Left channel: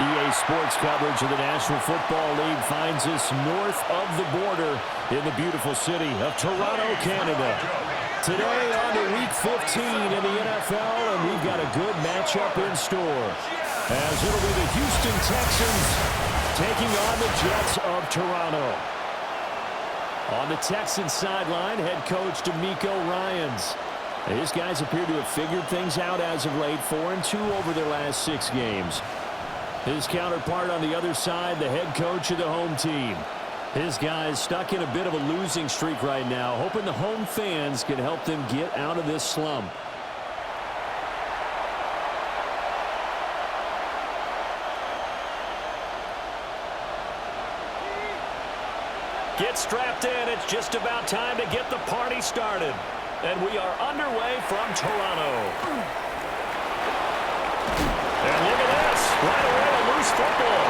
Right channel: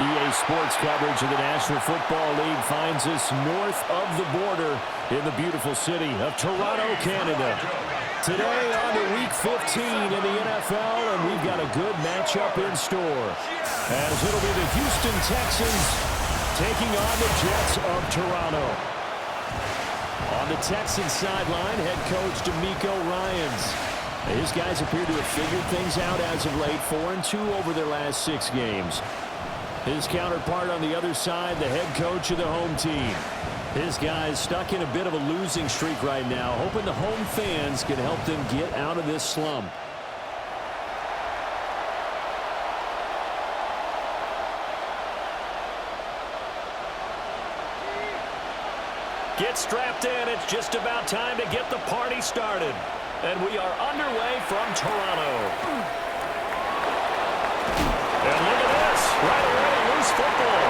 EA Sports coverage of the National Football League finds us north of the border in the beautiful city of Toronto, Canada. Today on to Week 15 in the NFL, and we've got a good matchup in store, as it'll be the Houston Texans taking on the Jets of Toronto. On the Texans sideline, head coach DeMeco Ryans. His guys appear to have figured things out as of late, 4-2 over their last 6 games. His counterpart on the other side, the head coach of the home team. His guys stuck in a bit of a losing streak right now, hoping the home fans can help them get out of this slump. Get strapped in. It's just about time to get the party started. And we are underway from Toronto. And look at this. Right away, a loose football.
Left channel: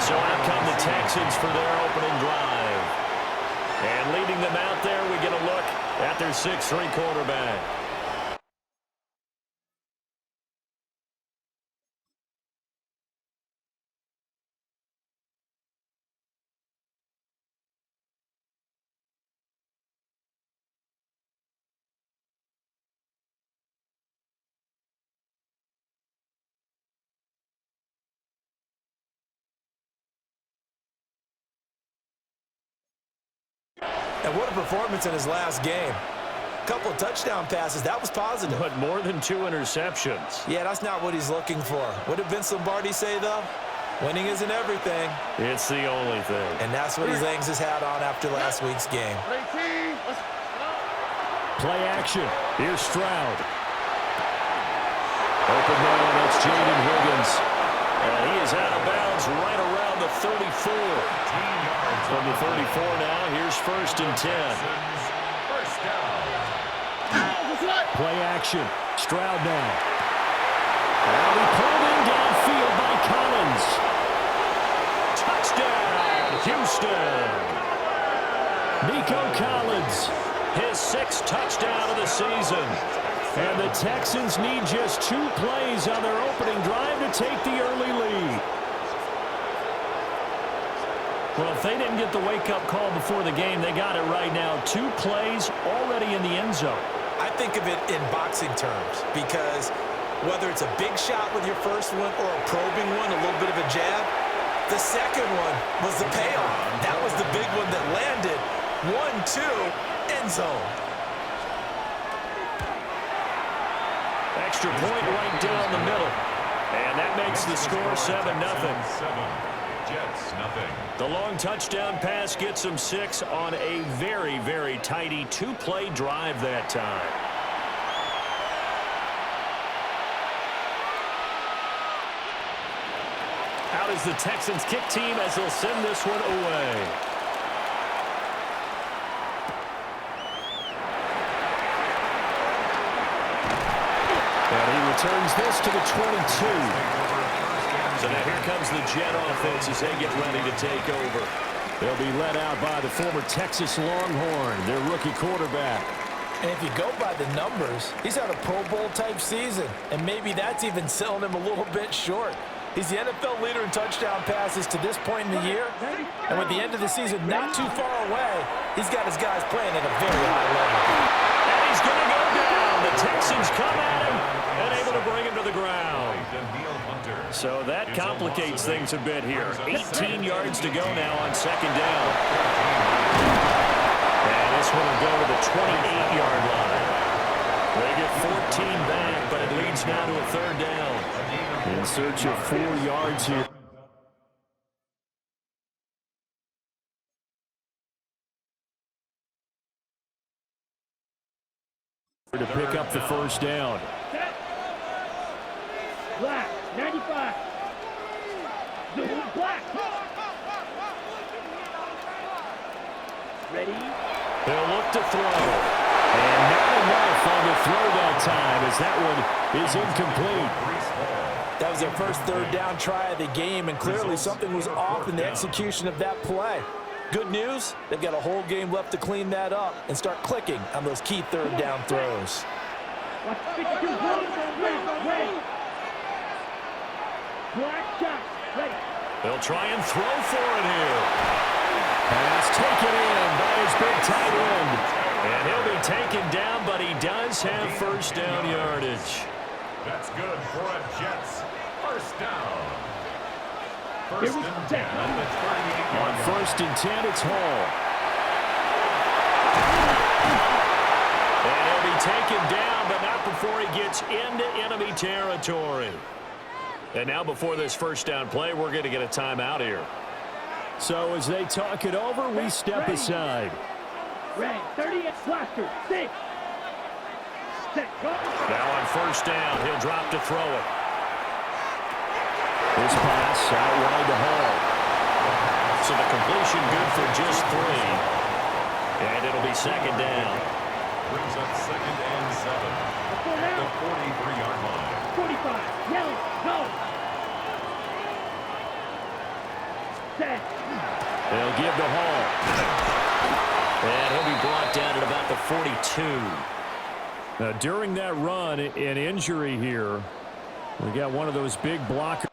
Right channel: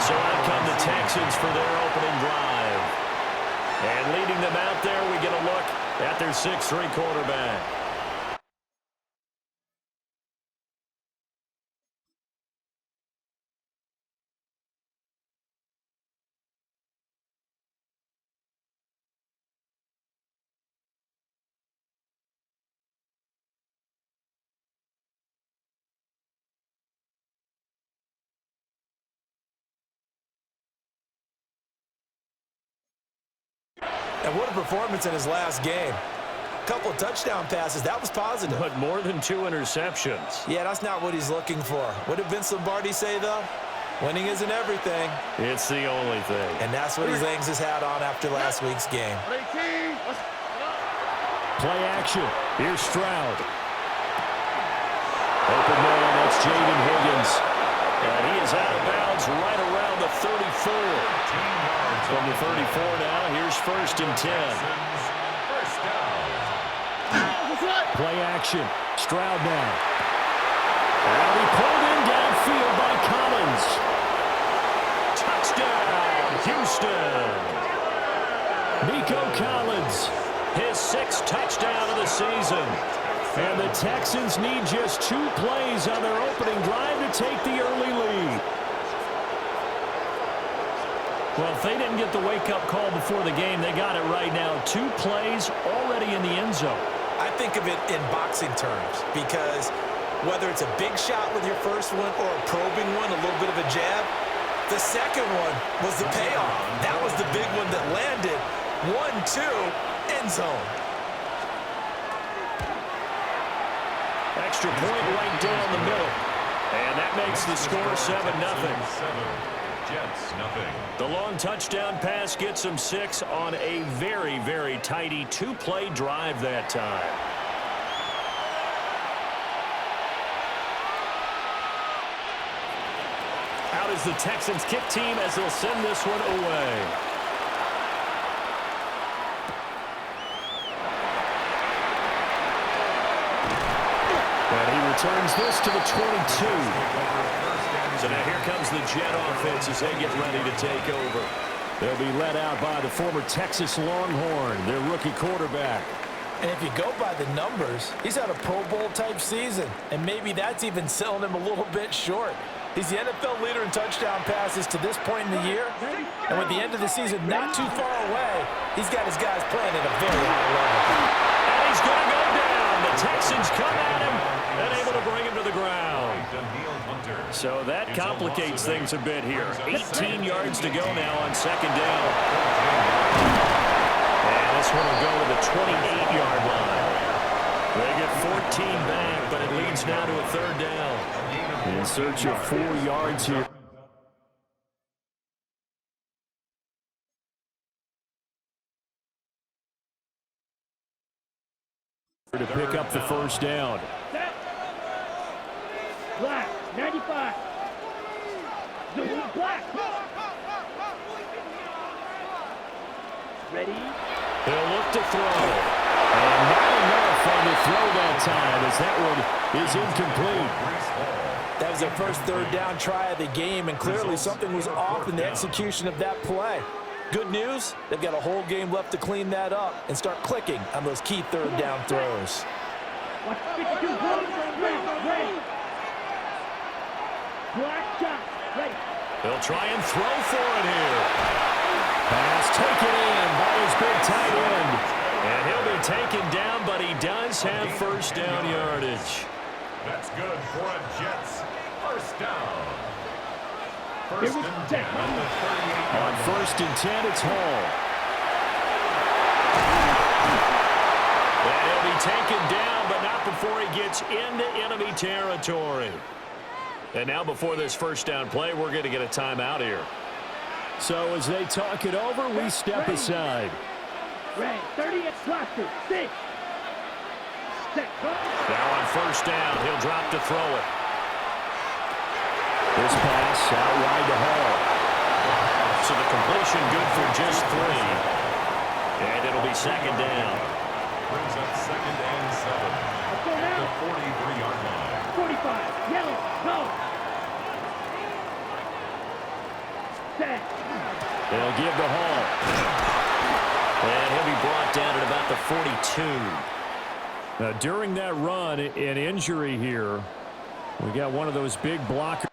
So out come the Texans for their opening drive. And leading them out there, we get a look at their 6'3" quarterback. And what a performance in his last game. A couple of touchdown passes. That was positive. But more than 2 interceptions. Yeah, that's not what he's looking for. What did Vince Lombardi say, though? Winning isn't everything. It's the only thing. And that's what he hangs his hat on after last week's game. Play action. Here's Stroud. Open man, that's Jaden Higgins. And he is out of bounds right around the 34. From the 34 now, here's 1st and 10. Play action. Stroud now. And he pulled in downfield by Collins. Touchdown, Houston. Nico Collins, his 6th touchdown of the season. And the Texans need just 2 plays on their opening drive to take the early lead. Well, if they didn't get the wake-up call before the game, they got it right now. 2 plays already in the end zone. I think of it in boxing terms because whether it's a big shot with your first one or a probing one, a little bit of a jab, the second one was the payoff. That was the big one that landed. 1-2, end zone. Extra point right down the middle. And that makes the score 7-0. Jets, nothing. The long touchdown pass gets them 6 on a very, very tidy 2-play drive that time. Out is the Texans kick team as they'll send this one away. And he returns this to the 22. So now here comes the Jet offense as they get ready to take over. They'll be led out by the former Texas Longhorn, their rookie quarterback. And if you go by the numbers, he's had a Pro Bowl type season. And maybe that's even selling him a little bit short. He's the NFL leader in touchdown passes to this point in the year. And with the end of the season not too far away, he's got his guys playing at a very high level. And he's going to go down. The Texans come at him and able to bring him to the ground. So that complicates things a bit here. 18 yards to go now on 2nd down. And this one will go to the 28-yard line. They get 14 back, but it leads now to a 3rd down. In search of 4 yards here. To pick up the 1st down. Black, 95. Black. Ready? They'll look to throw. And not enough on the throw that time as that one is incomplete. That was their first 3rd down try of the game, and clearly something was off in the execution of that play. Good news, they've got a whole game left to clean that up and start clicking on those key 3rd down throws. Watch 52. Ready. Black shot. Ready. They'll try and throw for it here. Pass taken in by his big tight end. And he'll be taken down, but he does have first down yardage. That's good for a Jets first down. First and 10 at the 38. On first and 10, it's Hall. And he'll be taken down, but not before he gets into enemy territory. And now before this first down play, we're going to get a timeout here. So as they talk it over, we step aside. Red, 30 at blocker. 6. Set. Now on first down, he'll drop to throw it. This pass out wide to Hall. So the completion good for just 3. And it'll be second down. Brings up second and 7 at the 43-yard line. 45. Yellow. Go. Set. They'll give to Hall. And he'll be brought down at about the 42. Now, during that run, an injury here. We got one of those big blockers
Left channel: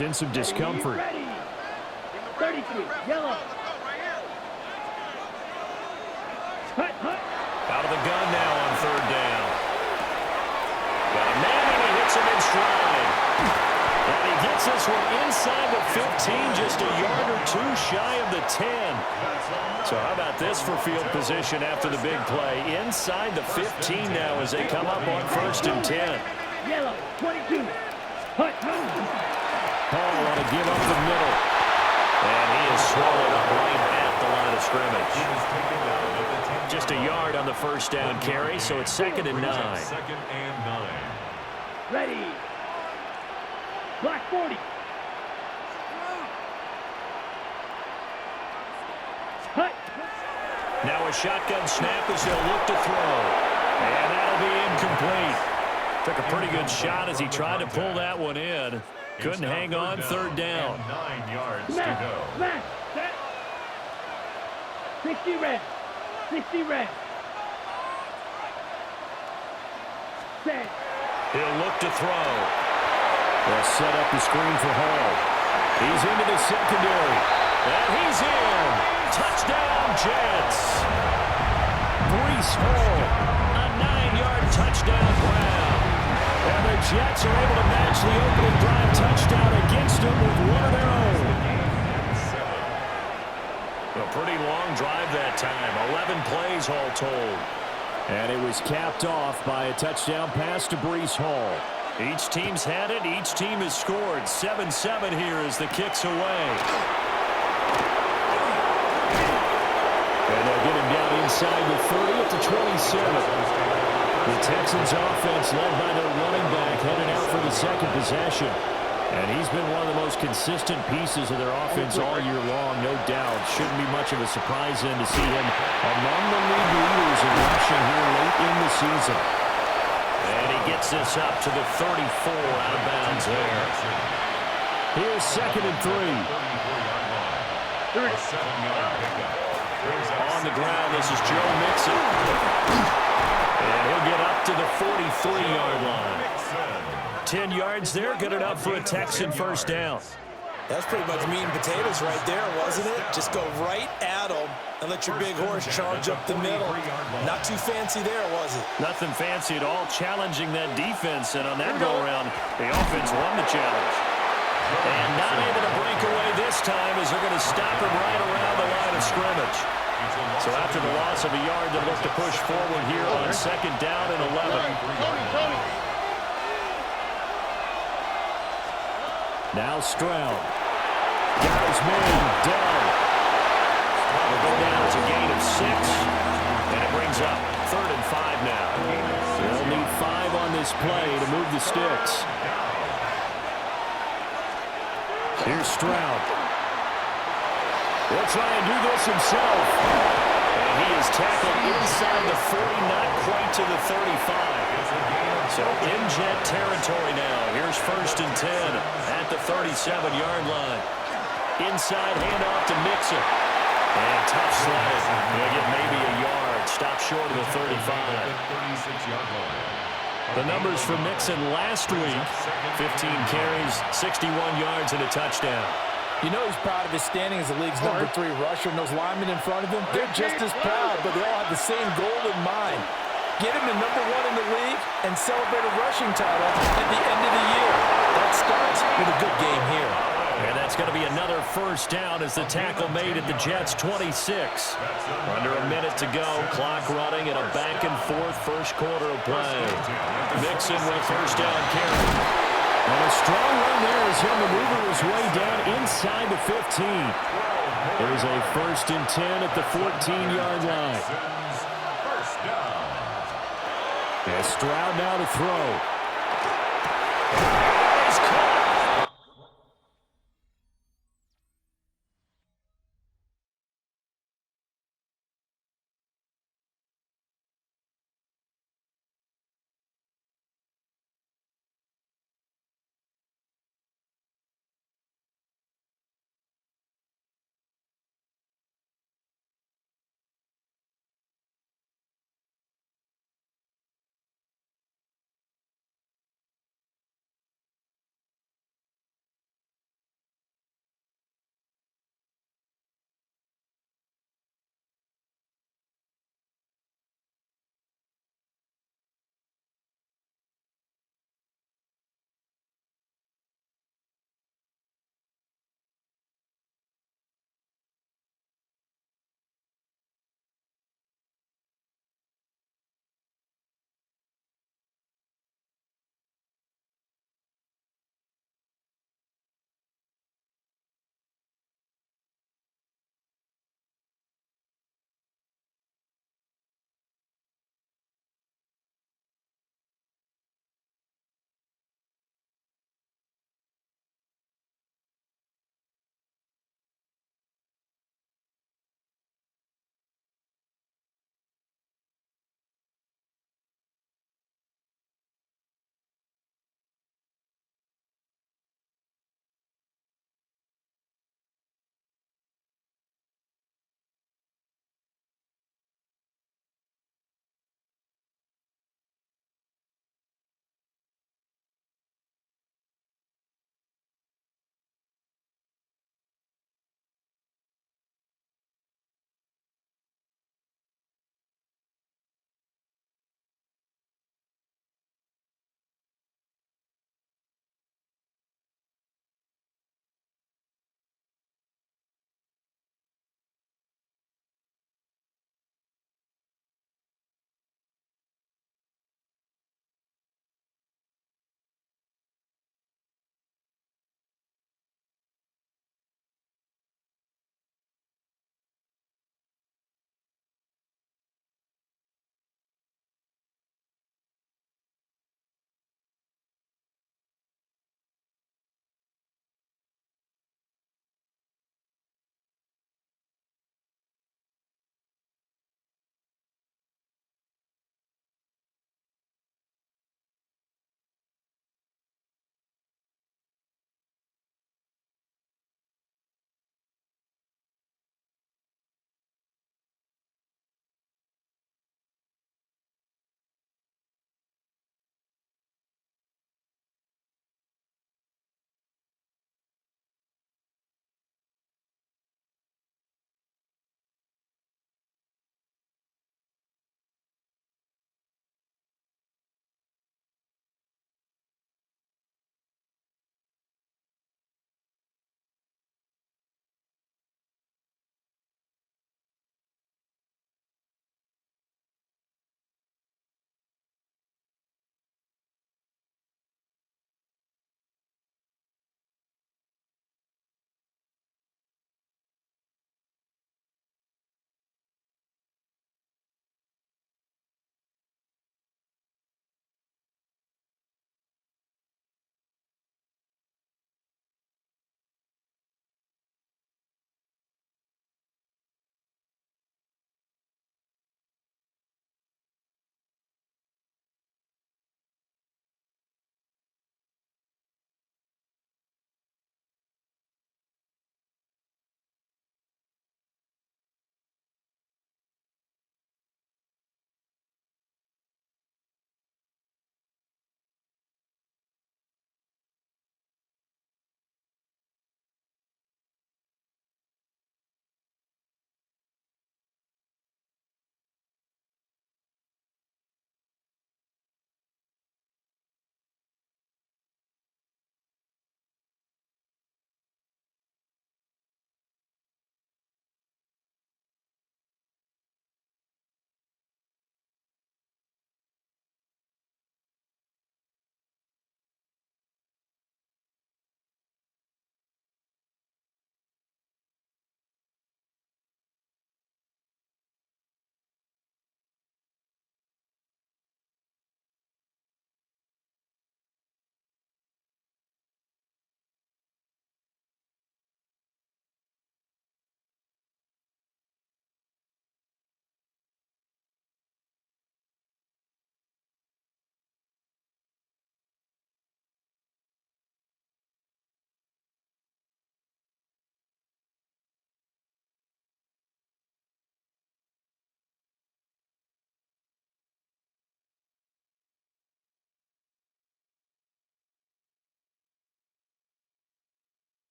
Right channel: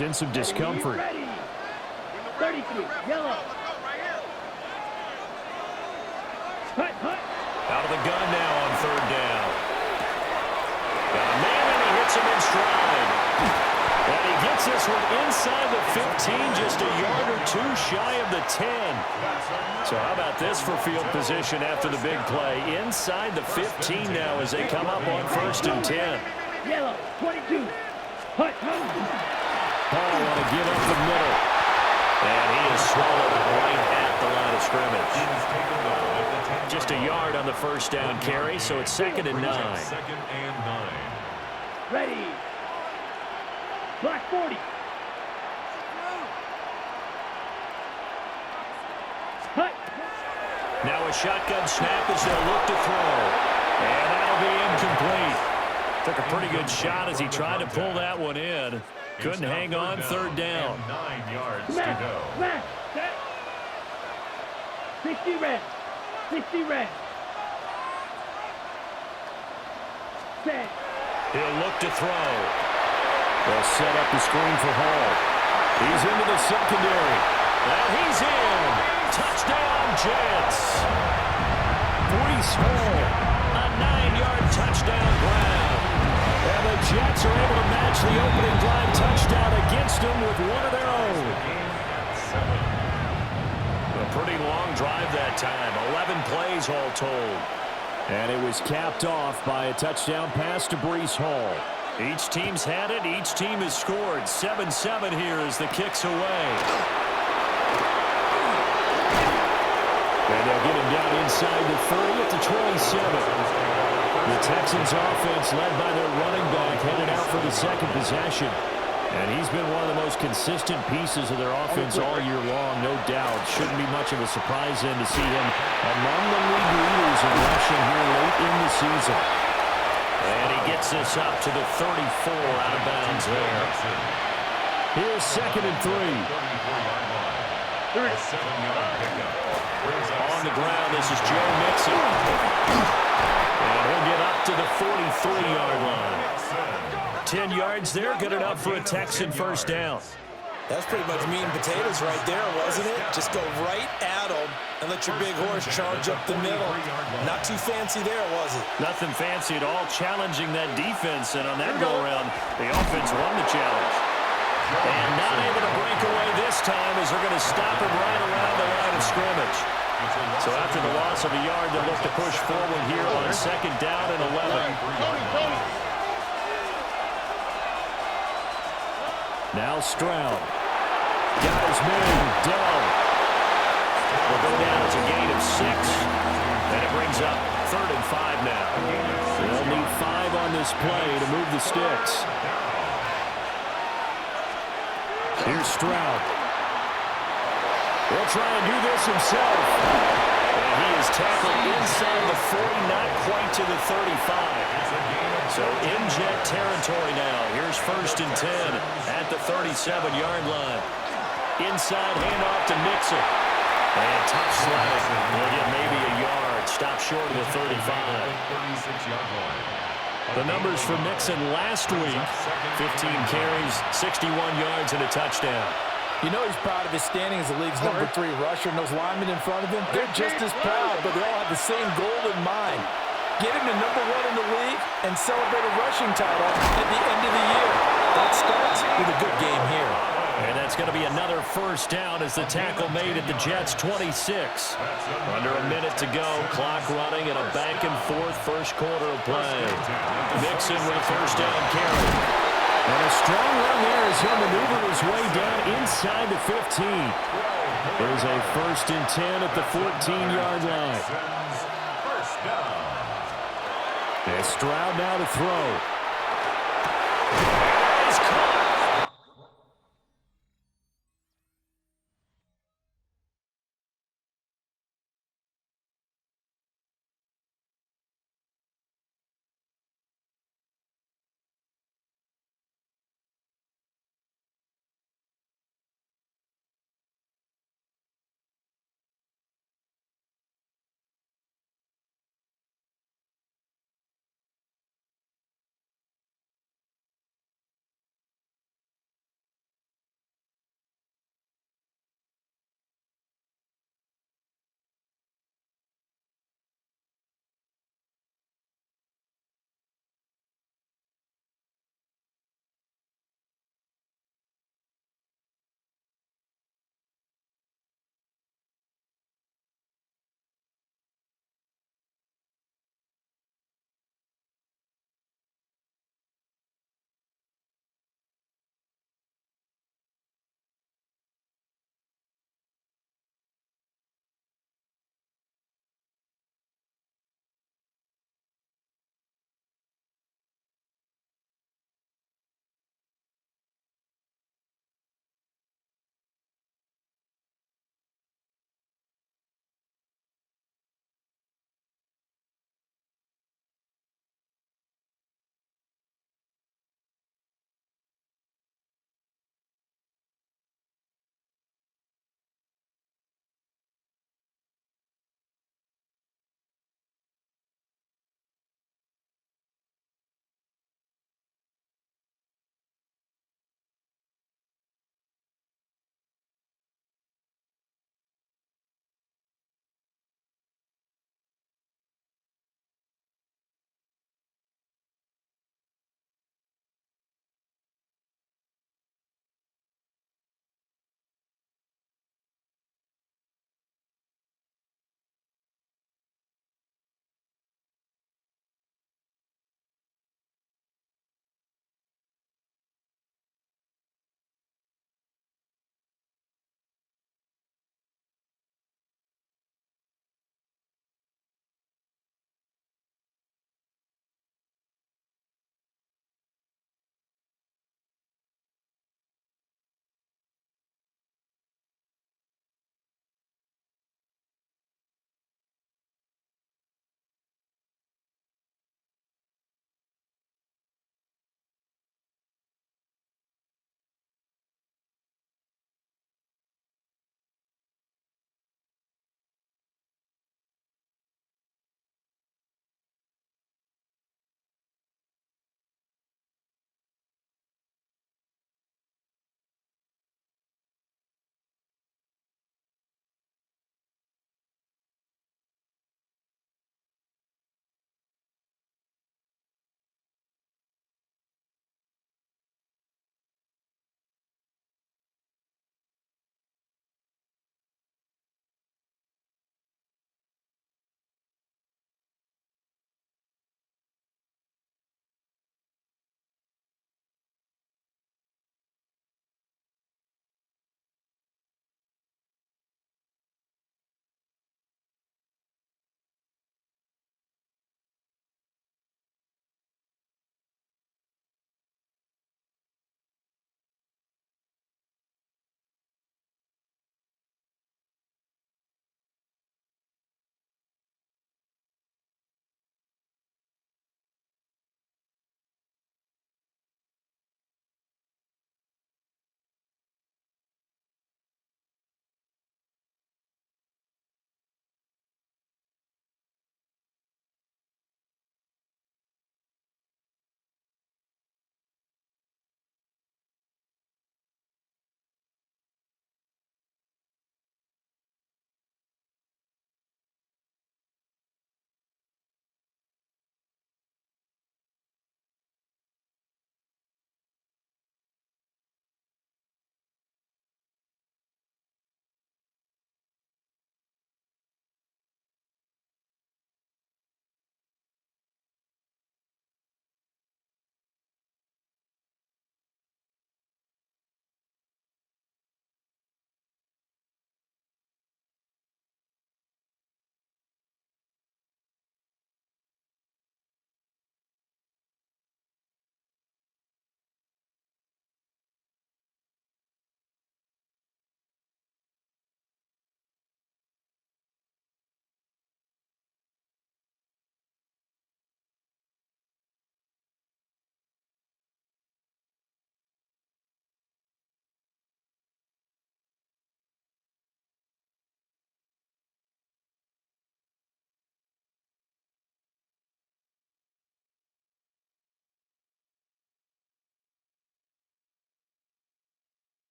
in some discomfort. Ready. 33. Yellow. Hut, hut. Out of the gun now on third down. Got a man, and he hits him in stride. And he gets this one inside the 15, just a yard or two shy of the 10. So how about this for field position after the big play? Inside the 15 now as they come up on first and 10. Yellow. 22. Hut, hut. Paul want to give up the middle. And he is swallowed up right at the line of scrimmage. Just a yard on the first down carry, so it's second and 9. Second and 9. Ready. Black 40. Hut. Now a shotgun snap as they'll look to throw. And that'll be incomplete. Took a pretty good shot as he tried to pull that one in. Couldn't hang on, third down. 9 yards to Smash. go. Smash. Set. 60 red. 60 red. Set. He'll look to throw. They'll set up the screen for Hall. He's into the secondary. And he's in. Touchdown, Jets. Breece Hall, a 9-yard touchdown grab. And the Jets are able to match the opening drive touchdown against them with one of their own. A pretty long drive that time. 11 plays all told. And it was capped off by a touchdown pass to Breece Hall. Each team's had it. Each team has scored. 7-7 here as the kick's away. And they'll get him down inside the 30 at the 27. The Texans offense led by their running back headed out for the second possession. And he's been one of the most consistent pieces of their offense all year long, no doubt. Shouldn't be much of a surprise then to see him among the league leaders in rushing here late in the season. And he gets this up to the 34 out of bounds there. Here's second and 3. A 7-yard pickup. On the ground, this is Joe Mixon. And he'll get up to the 43-yard line. 10 yards there, good enough for a Texan first down. That's pretty much meat and potatoes right there, wasn't it? Just go right at them and let your big horse charge up the middle. Not too fancy there, was it? Nothing fancy at all, challenging that defense. And on that go-around, the offense won the challenge. And not able to break away this time as they're going to stop him right around the line of scrimmage. So after the loss of a yard, they'll look to push forward here on second down and 11. Now Stroud. Got his man, Dell. Will go down as a gain of 6. And it brings up third and 5 now. They'll need 5 on this play to move the sticks. Here's Stroud. He'll try and do this himself. And he is tackled inside the 40, not quite to the 35. So in Jet territory now. Here's first and 10 at the 37-yard line. Inside handoff to Mixon. And tough sledding. They'll get maybe a yard. Stop short of the 35. 36-yard line. The numbers for Mixon last week, 15 carries, 61 yards, and a touchdown. You know he's proud of his standing as the league's number 3 rusher, and those linemen in front of him, they're just as proud, but they all have the same goal in mind. Get him to number 1 in the league and celebrate a rushing title at the end of the year. That starts with a good game here. And that's going to be another first down as the tackle made at the Jets' 26. Under a minute to go, clock running, and a back-and-forth first quarter of play. Mixon with a first down carry. And a strong run there as he'll maneuver his way down inside the 15. There's a 1st and 10 at the 14-yard line. First down. And Stroud now to throw.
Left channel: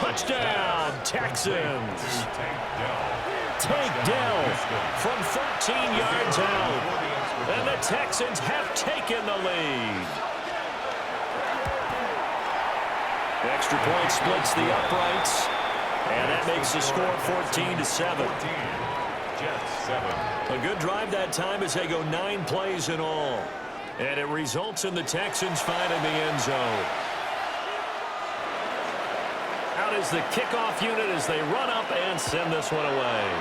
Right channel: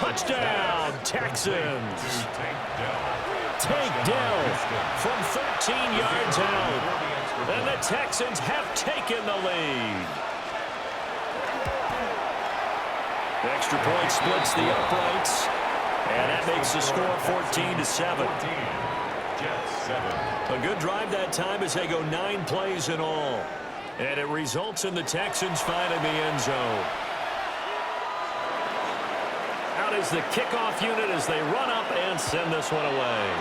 Touchdown, Texans. Tank Dell from 13 yards out. And the Texans have taken the lead. Extra point splits the uprights. And that makes the score 14-7. Jets 7. A good drive that time as they go 9 plays in all. And it results in the Texans finding the end zone. Out is the kickoff unit as they run up and send this one away.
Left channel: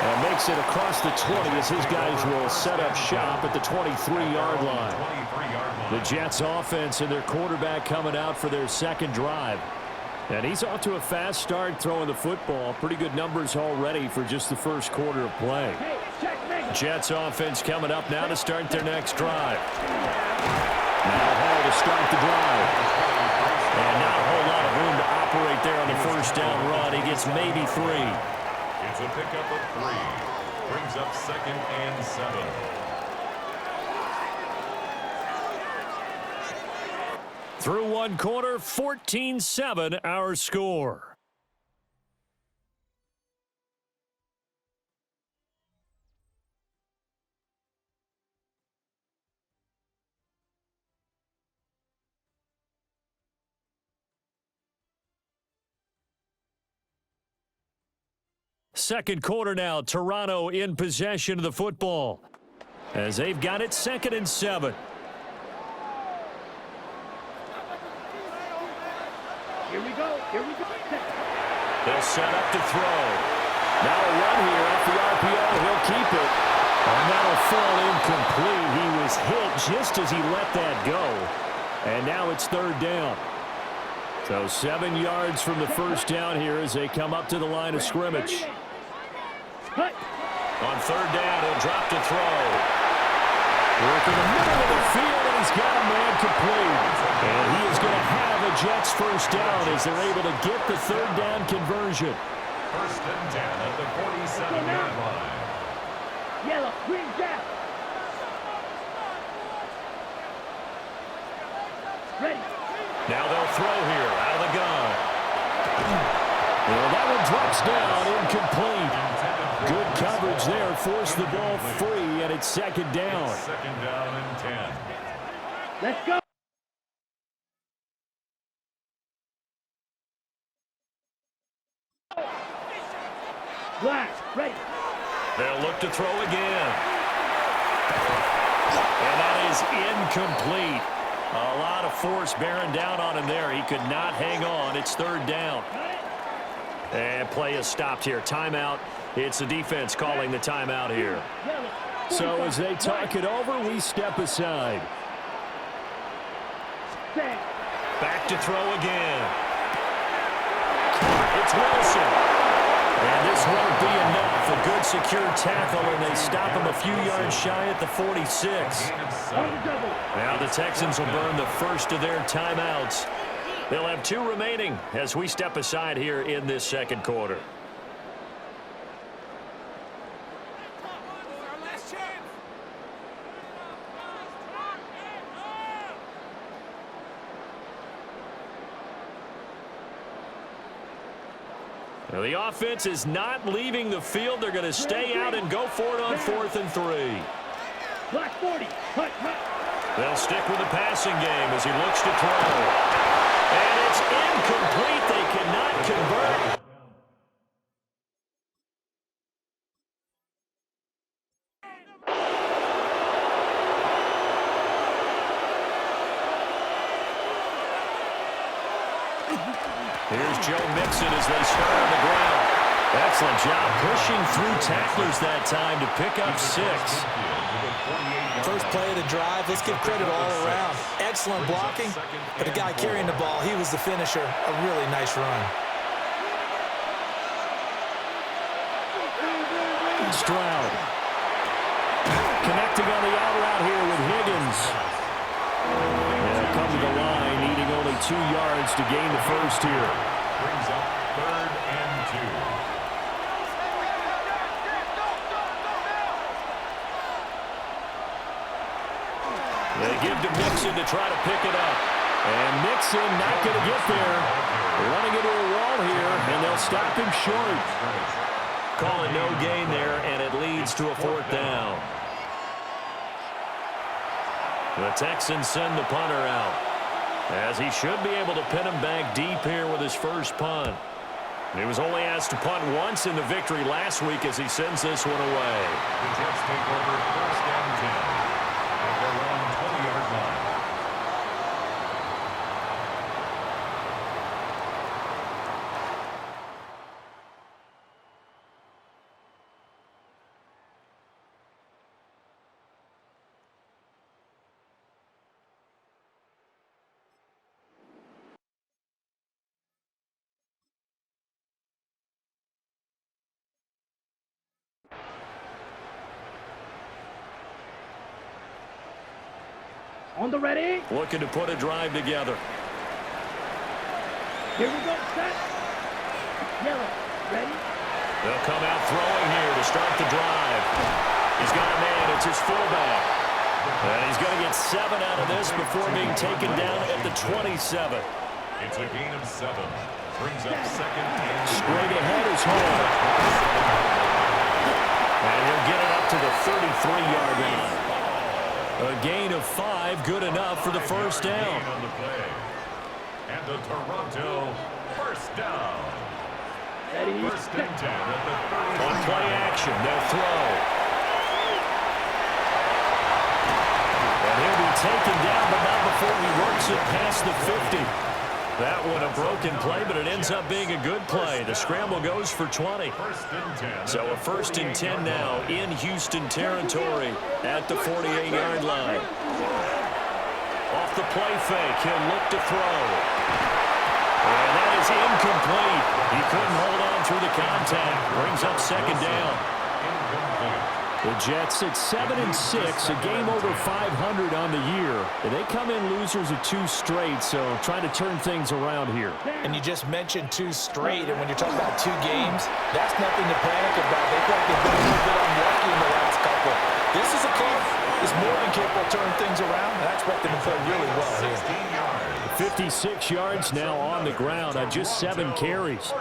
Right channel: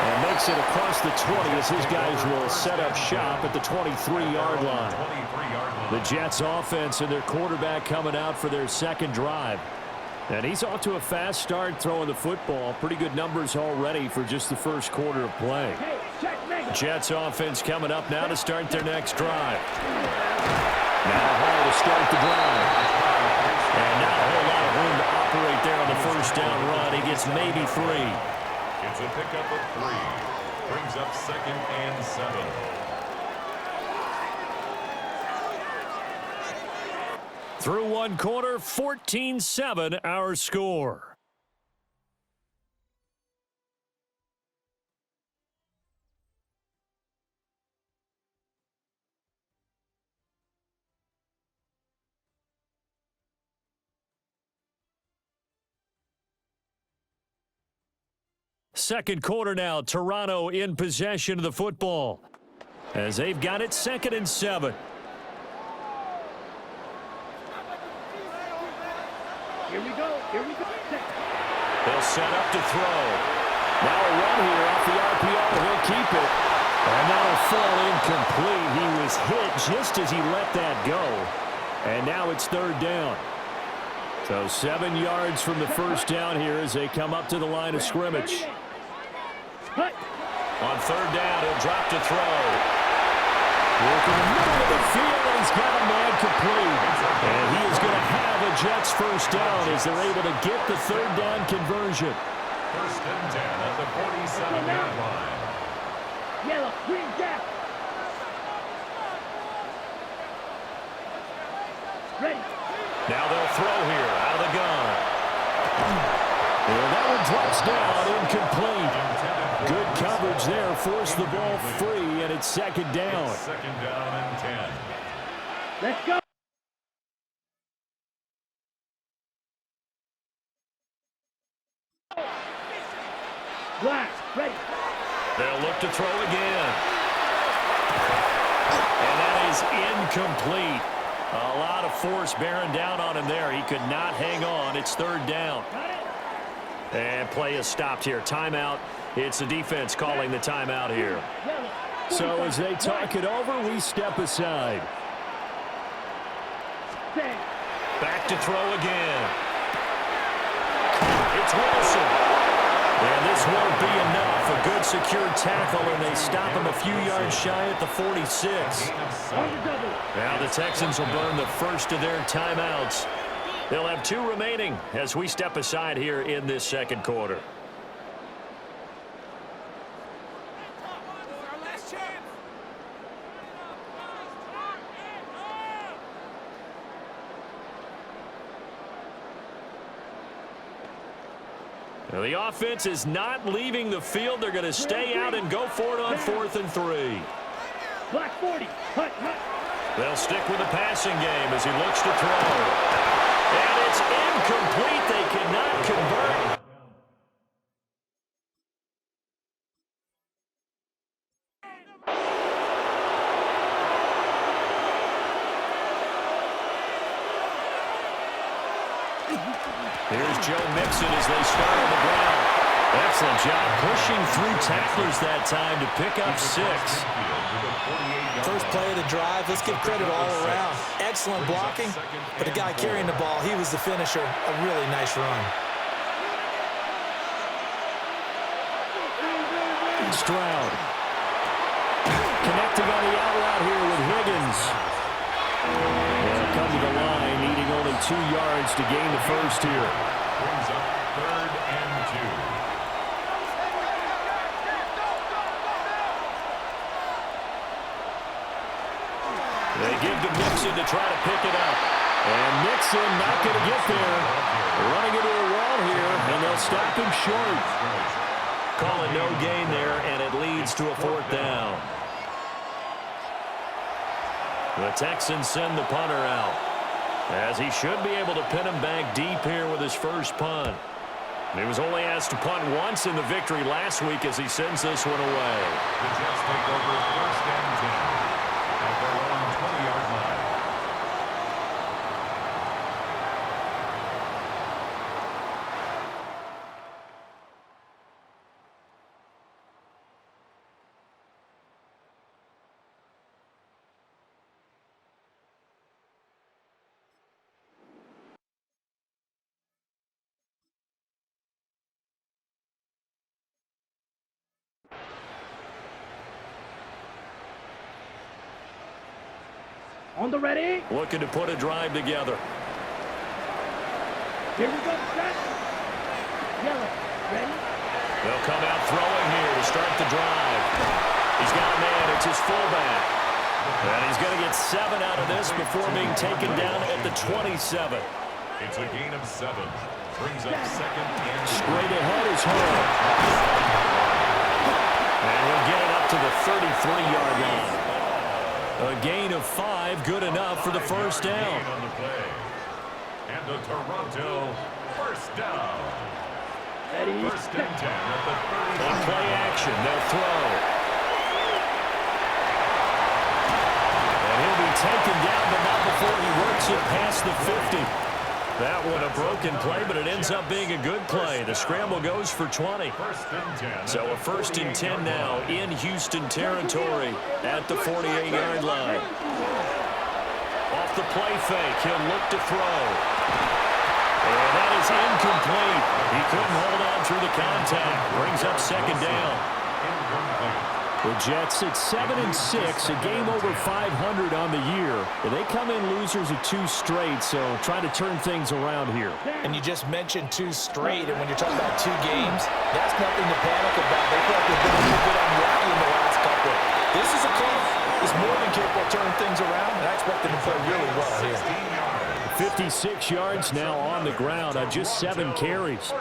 And makes it across the 20 as his guys will set up shop at the 23-yard line. The Jets offense and their quarterback coming out for their second drive. And he's off to a fast start throwing the football. Pretty good numbers already for just the first quarter of play. Jets offense coming up now to start their next drive. Now Hall to start the drive. And not a whole lot of room to operate there on the first down run. He gets maybe 3. It's a pickup of 3. Brings up 2nd and 7. Through one quarter, 14-7 our score. Second quarter now, Toronto in possession of the football as they've got it 2nd and 7. Here we go. Here we go. They'll set up to throw. Now a run here off the RPO. He'll keep it. And that'll fall incomplete. He was hit just as he let that go. And now it's 3rd down. So 7 yards from the first down here as they come up to the line of scrimmage. On 3rd down, he'll drop to throw. Working the middle of the field, and he's got a man complete. And he is going to have a Jets first down as they're able to get the 3rd down conversion. 1st and 10 at the 47-yard line. Yellow, green, gap. Ready. Now they'll throw here out of the gun. And that one drops down, incomplete. Good coverage there, forced the ball free, and it's 2nd down. It's 2nd down and 10. Let's go. Black, ready. They'll look to throw again. And that is incomplete. A lot of force bearing down on him there. He could not hang on. It's 3rd down. And play is stopped here. Timeout. It's the defense calling the timeout here. So as they talk it over, we step aside. Back to throw again. It's Wilson. And this won't be enough. A good secure tackle, and they stop him a few yards shy at the 46. Now the Texans will burn the first of their timeouts. They'll have 2 remaining as we step aside here in this second quarter. Now the offense is not leaving the field. They're going to stay out and go for it on 4th and 3. Black 40. Hut, hut. They'll stick with the passing game as he looks to throw. And it's incomplete. They cannot convert. Here's Joe Mixon as they start on the ground. Excellent job pushing through tacklers that time to pick up 6. First play of the drive, let's give credit all around. Excellent blocking, but the guy carrying the ball, he was the finisher. A really nice run. Stroud. Connecting on the out route here with Higgins. They'll come to the line, needing only 2 yards to gain the first here. Brings up 3rd and 2. They give to Mixon to try to pick it up. And Mixon not going to get there. Running into a wall here, and they'll stop him short. Calling no gain there, and it leads to a 4th down. The Texans send the punter out, as he should be able to pin him back deep here with his first punt. He was only asked to punt once in the victory last week as he sends this one away. The Jets take over 1st and 10 at their own 20-yard line. On the ready. Looking to put a drive together. Here we go. Set. Yellow. Ready. They'll come out throwing here to start the drive. He's got a man. It's his fullback. And he's going to get 7 out of this before being taken down at the 27. It's a gain of 7. Brings up 2nd and Straight ahead is home. And he'll get it up to the 33-yard line. A gain of 5, good enough for the first down. On the play. And the Toronto 1st down. Ready. 1st and 10 at the 30. On play action, they'll throw. And he'll be taken down, but not before he works it past the 50. That one a broken play, but it ends up being a good play. The scramble goes for 20. 1st and 10. So a 1st and 10 now in Houston territory at the 48-yard line. Off the play fake, he'll look to throw. And that is incomplete. He couldn't hold on through the contact. Brings up 2nd down. Incomplete. The Jets at 7-6, a game over 500 on the year. And they come in losers of 2 straight, so trying to turn things around here. And you just mentioned 2 straight, and when you're talking about 2 games, that's nothing to panic about. They feel like they've been a little bit unlucky in the last couple. This is a club that's more than capable of turning things around, and I expect them to play really well here. 56 yards now on the ground on just 7 carries.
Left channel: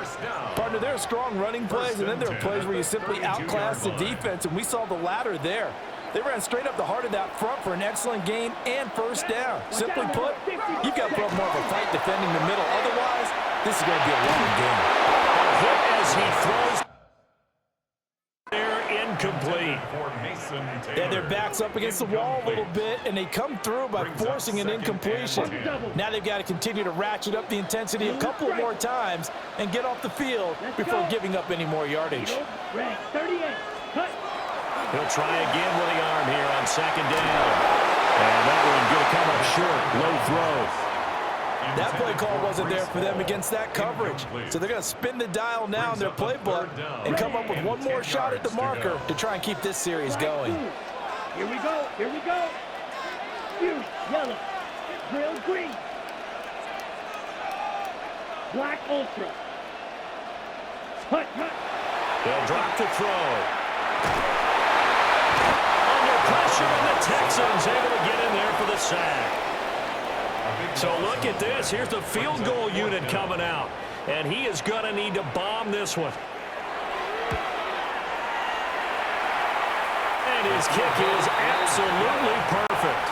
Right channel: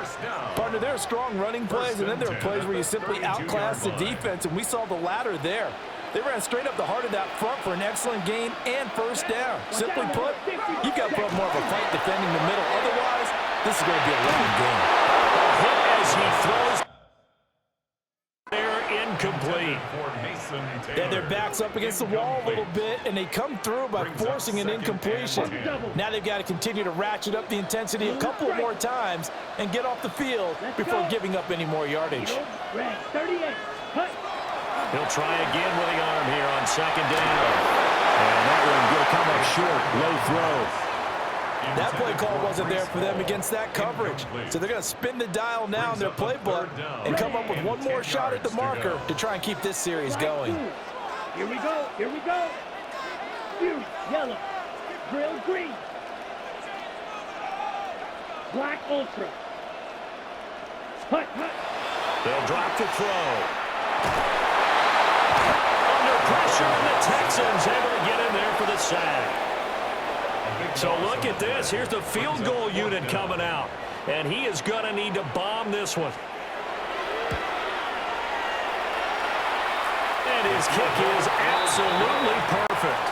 Partner, there are strong running plays, and then there are plays where you simply outclass the defense, and we saw the latter there. They ran straight up the heart of that front for an excellent gain and 1st down. Simply put, you've got to put up more of a fight defending the middle. Otherwise, this is going to be a long game. A hit as he throws. They're incomplete. Yeah, their back's up against the wall a little bit, and they come through by forcing an incompletion. Now they've got to continue to ratchet up the intensity a couple more times and get off the field before giving up any more yardage. Ready. 38. Cut. He'll try again with the arm here on 2nd down. And that one going to come up short. Low throw. That play call wasn't there for them against that coverage. So they're going to spin the dial now in their playbook and come up with one more shot at the marker to try and keep this series going. Here we go. Here we go. Fury. Yellow. Drill green. Black ultra. Hut. They'll drop to throw. Under pressure, and the Texans able to get in there for the sack. So look at this. Here's the field goal unit coming out. And he is going to need to bomb this one. And his kick is absolutely perfect.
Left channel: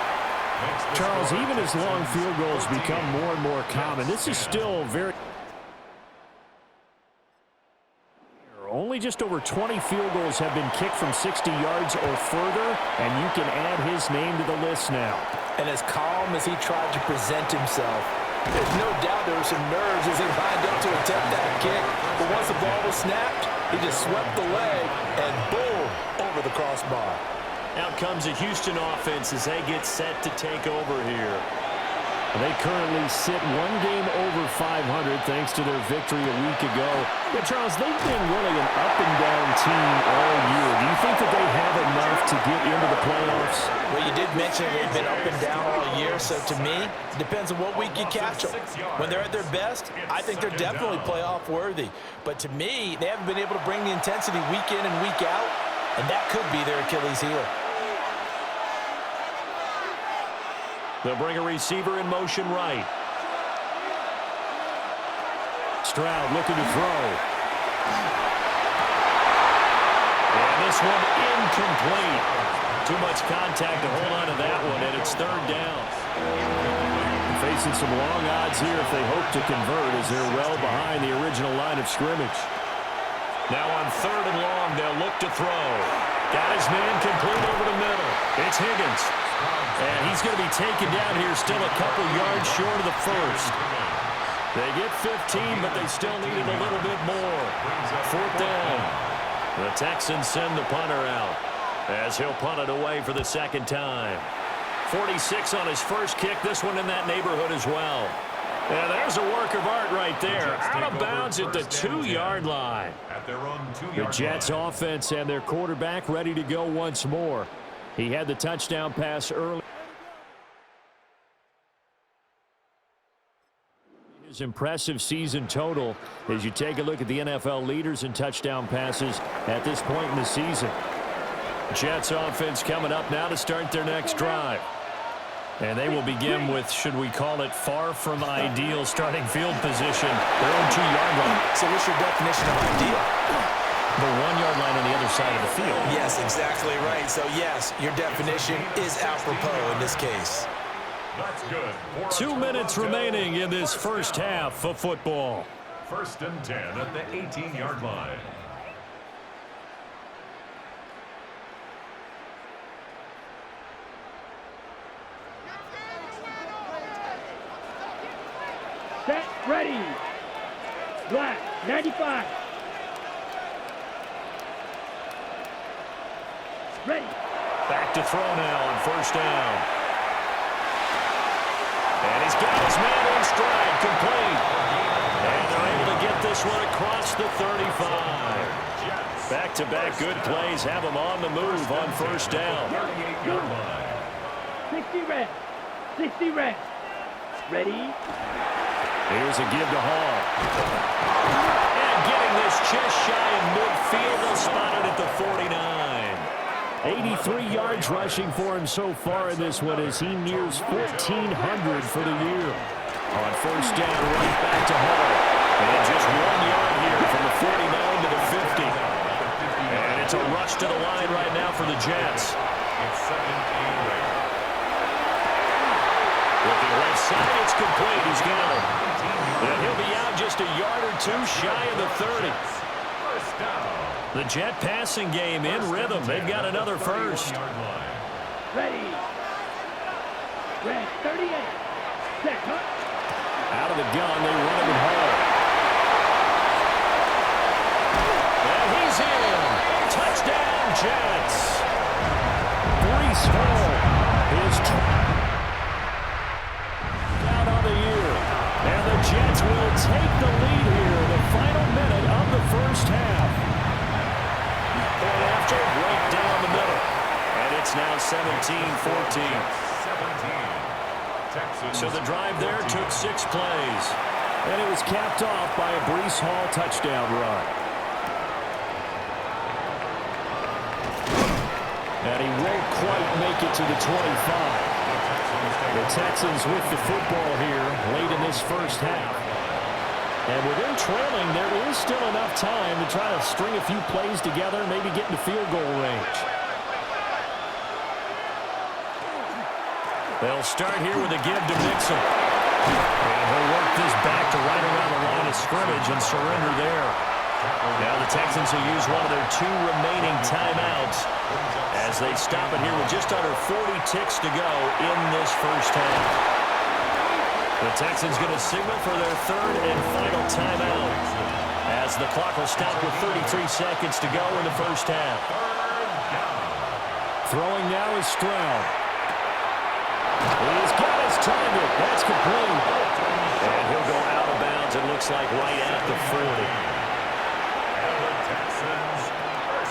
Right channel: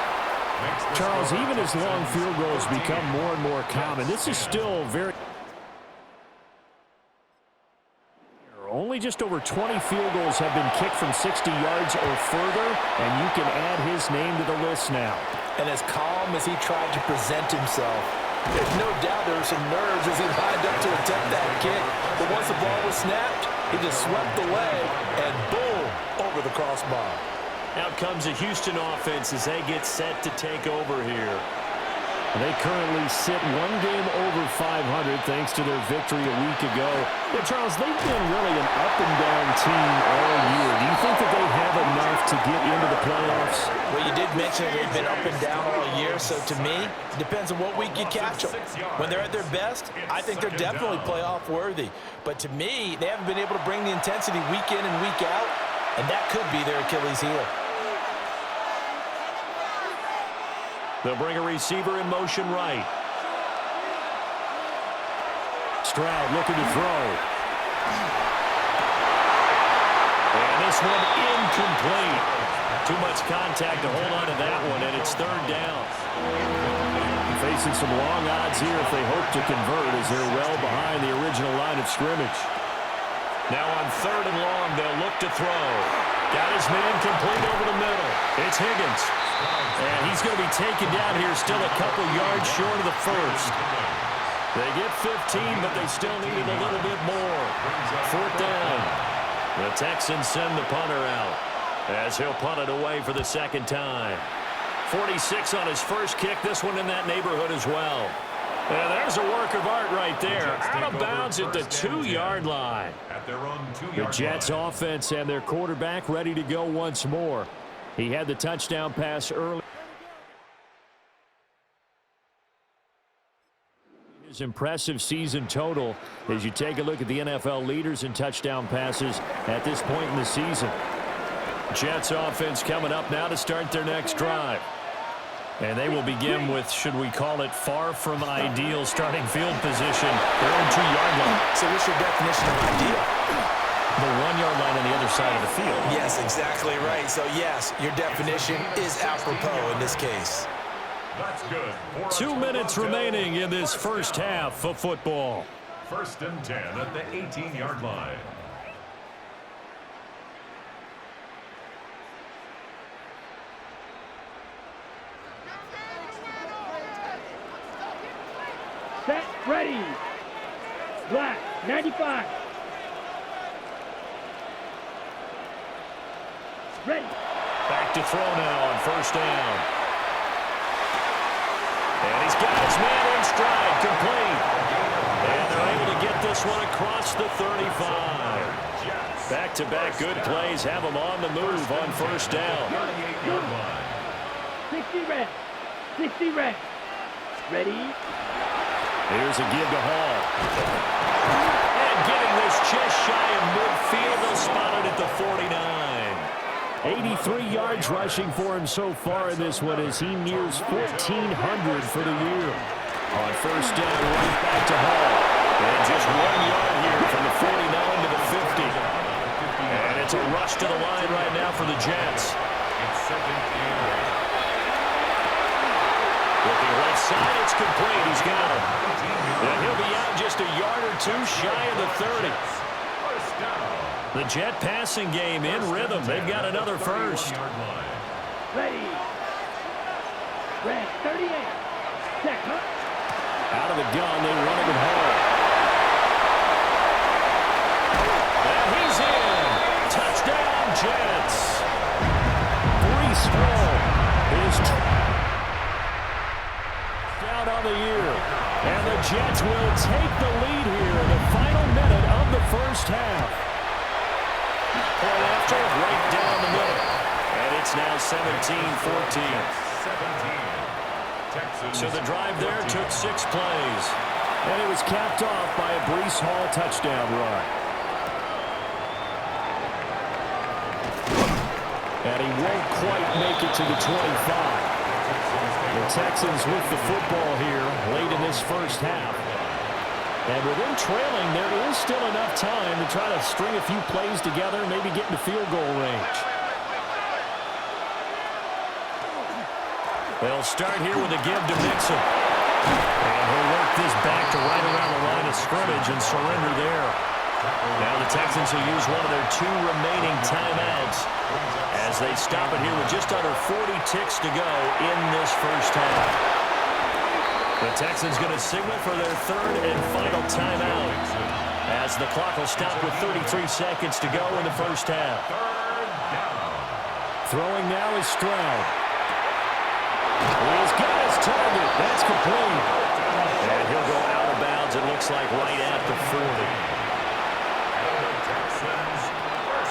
Charles, even as long field goals become more and more common, this is still very... Only just over 20 field goals have been kicked from 60 yards or further, and you can add his name to the list now. And as calm as he tried to present himself, there's no doubt there were some nerves as he lined up to attempt that kick. But once the ball was snapped, he just swept the leg and boom, over the crossbar. Out comes the Houston offense as they get set to take over here. They currently sit 1 game over 500 thanks to their victory a week ago. But Charles, they've been really an up-and-down team all year. Do you think that they have enough to get into the playoffs? Well, you did mention they've been up and down all year, so to me, it depends on what week you catch them. When they're at their best, I think they're definitely playoff worthy. But to me, they haven't been able to bring the intensity week in and week out, and that could be their Achilles heel. They'll bring a receiver in motion right. Stroud looking to throw. And this one incomplete. Too much contact to hold on to that one, and it's third down. Facing some long odds here if they hope to convert, as they're well behind the original line of scrimmage. Now on third and long, they'll look to throw. Got his man complete over the middle. It's Higgins. And he's going to be taken down here, still a couple yards short of the first. They get 15, but they still needed a little bit more. Fourth down. The Texans send the punter out, as he'll punt it away for the second time. 46 on his first kick, this one in that neighborhood as well. Yeah, there's a work of art right there. Out of bounds at the 2-yard line. The Jets offense and their quarterback ready to go once more. He had the touchdown pass early. His impressive season total as you take a look at the NFL leaders in touchdown passes at this point in the season. Jets offense coming up now to start their next drive. And they will begin with, should we call it, far from ideal starting field position, their own 2-yard line. So what's your definition of ideal? The 1-yard line on the other side of the field. Yes, exactly right. So, yes, your definition is apropos in this case. That's good. 2 minutes remaining in this first half of football. First and 10 at the 18-yard line. Set, ready. Black, 95. Ready. Back to throw now on first down. And he's got his man in stride, complete. And they're able to get this one across the 35. Back-to-back good plays have them on the move on first down. 60 red. 60 red. Ready. Here's a give to Hall. And getting this just shy of midfield, they'll spot it at the 49. 83 yards rushing for him so far in this one as he nears 1,400 for the year. On first down, right back to Hall. And just 1 yard here from the 49 to the 50. And it's a rush to the line right now for the Jets. It's second and 8. Looking left side, it's complete. He's got it. And he'll be out just a yard or two shy of the 30. First down. The Jet passing game in rhythm. They've got another first. Ready. Red, 38. Set, huh? Out of the gun, they run it with Hall. And he's in. Touchdown, Jets. Breece Hall is out on the year. And the Jets will take the lead here in the final minute of the first half. Point after, right down the middle. And it's now 17-14. 17. So the drive there took 6 plays. And it was capped off by a Breece Hall touchdown run. And he won't quite make it to the 25. The Texans with the football here late in this first half. And with them trailing, there is still enough time to try to string a few plays together, maybe get into field goal range. They'll start here with a give to Mixon. And he'll work this back to right around the line of scrimmage and surrender there. Now the Texans will use one of their 2 remaining timeouts as they stop it here with just under 40 ticks to go in this first half. The Texans going to signal for their 3rd and final timeout as the clock will stop with 33 seconds to go in the first half. Throwing now is Stroud. He's got his target. That's complete. And he'll go out of bounds, it looks like, right at the 40.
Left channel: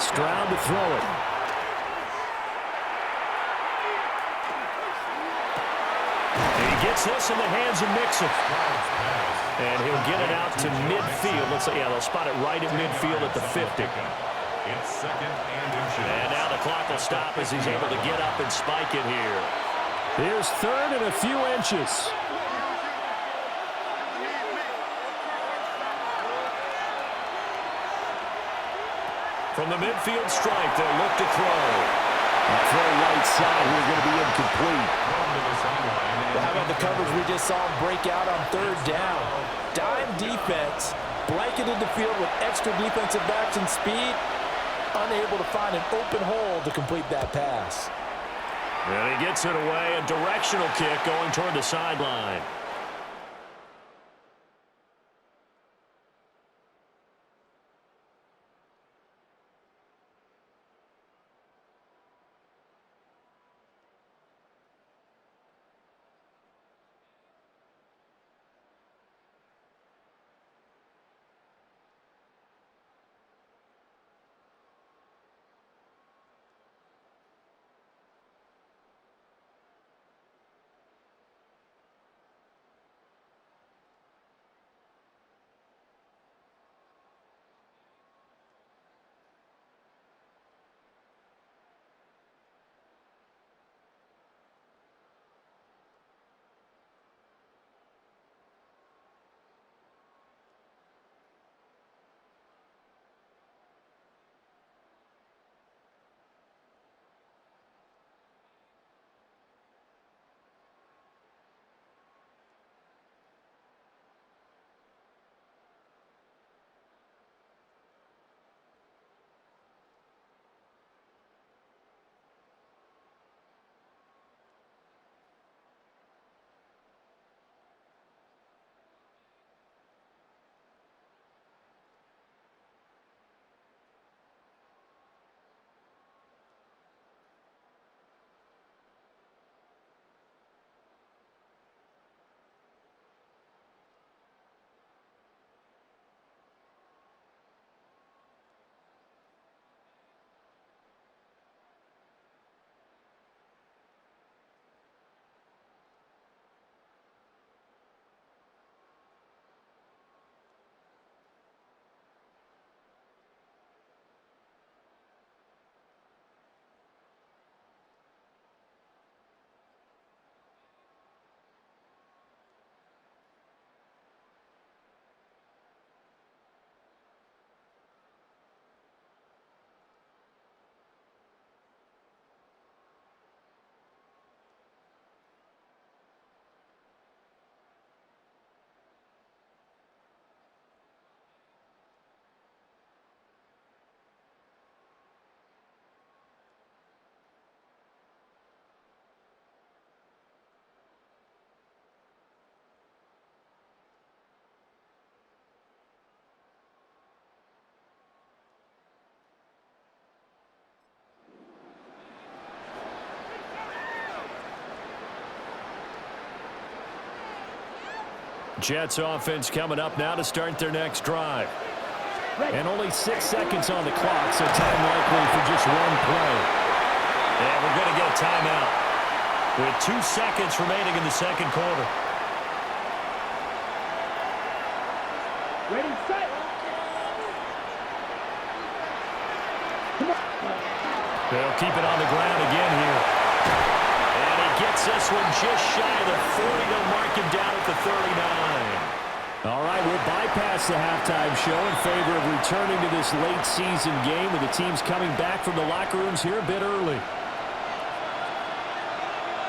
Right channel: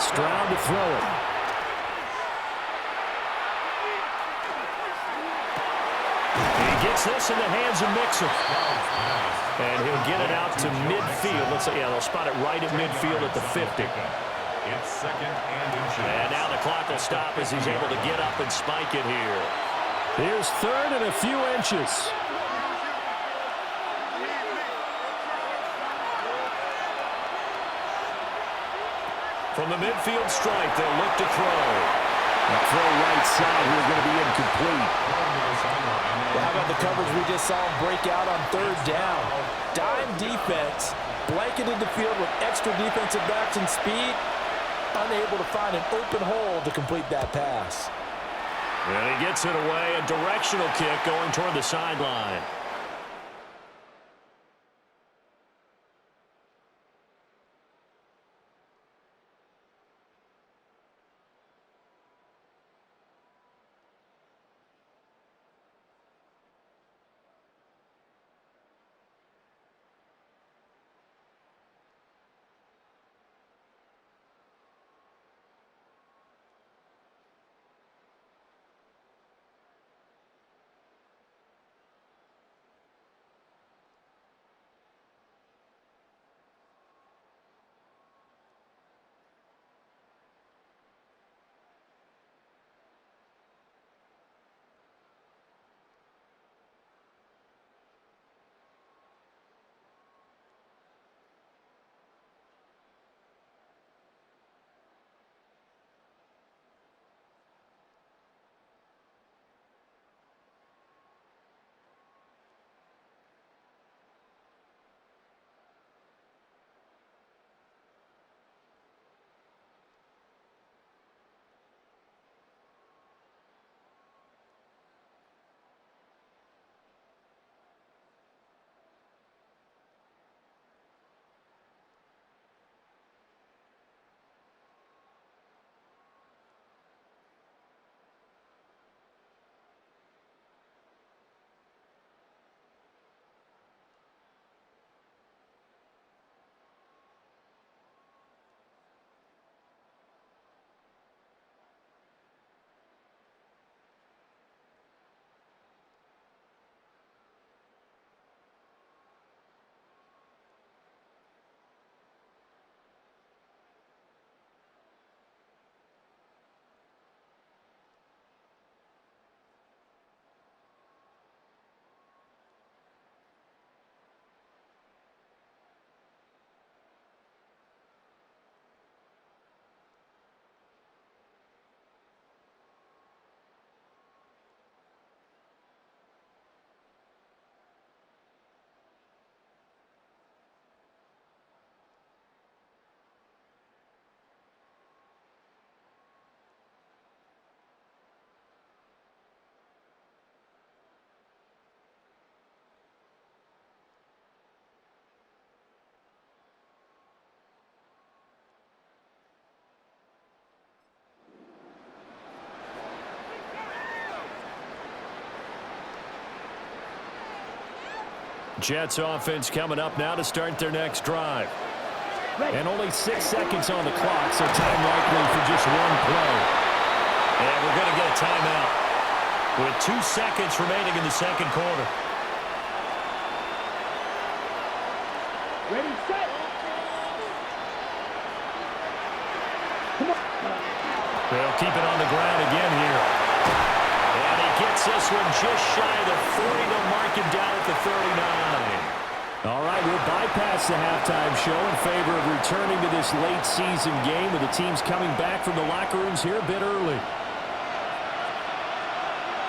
Stroud to throw it. And he gets this in the hands of Mixon. And he'll get it out to midfield. Let's say, yeah, they'll spot it right at midfield at the 50. It's second and inches. And now the clock will stop as he's able to get up and spike it here. Here's third and a few inches. From the midfield stripe, they'll look to throw. That throw right side here going to be incomplete. Well, how about the coverage we just saw him break out on third down? Dime defense, blanketed the field with extra defensive backs and speed, unable to find an open hole to complete that pass. And he gets it away, a directional kick going toward the sideline. Jets offense coming up now to start their next drive. And only 6 seconds on the clock, so time likely for just one play. And we're going to get a timeout with 2 seconds remaining in the second quarter. Ready, set. Come on. They'll keep it on the ground again here. And he gets this one just shy of the 40 to mark him down at the 39. All right, we'll bypass the halftime show in favor of returning to this late season game with the teams coming back from the locker rooms here a bit early.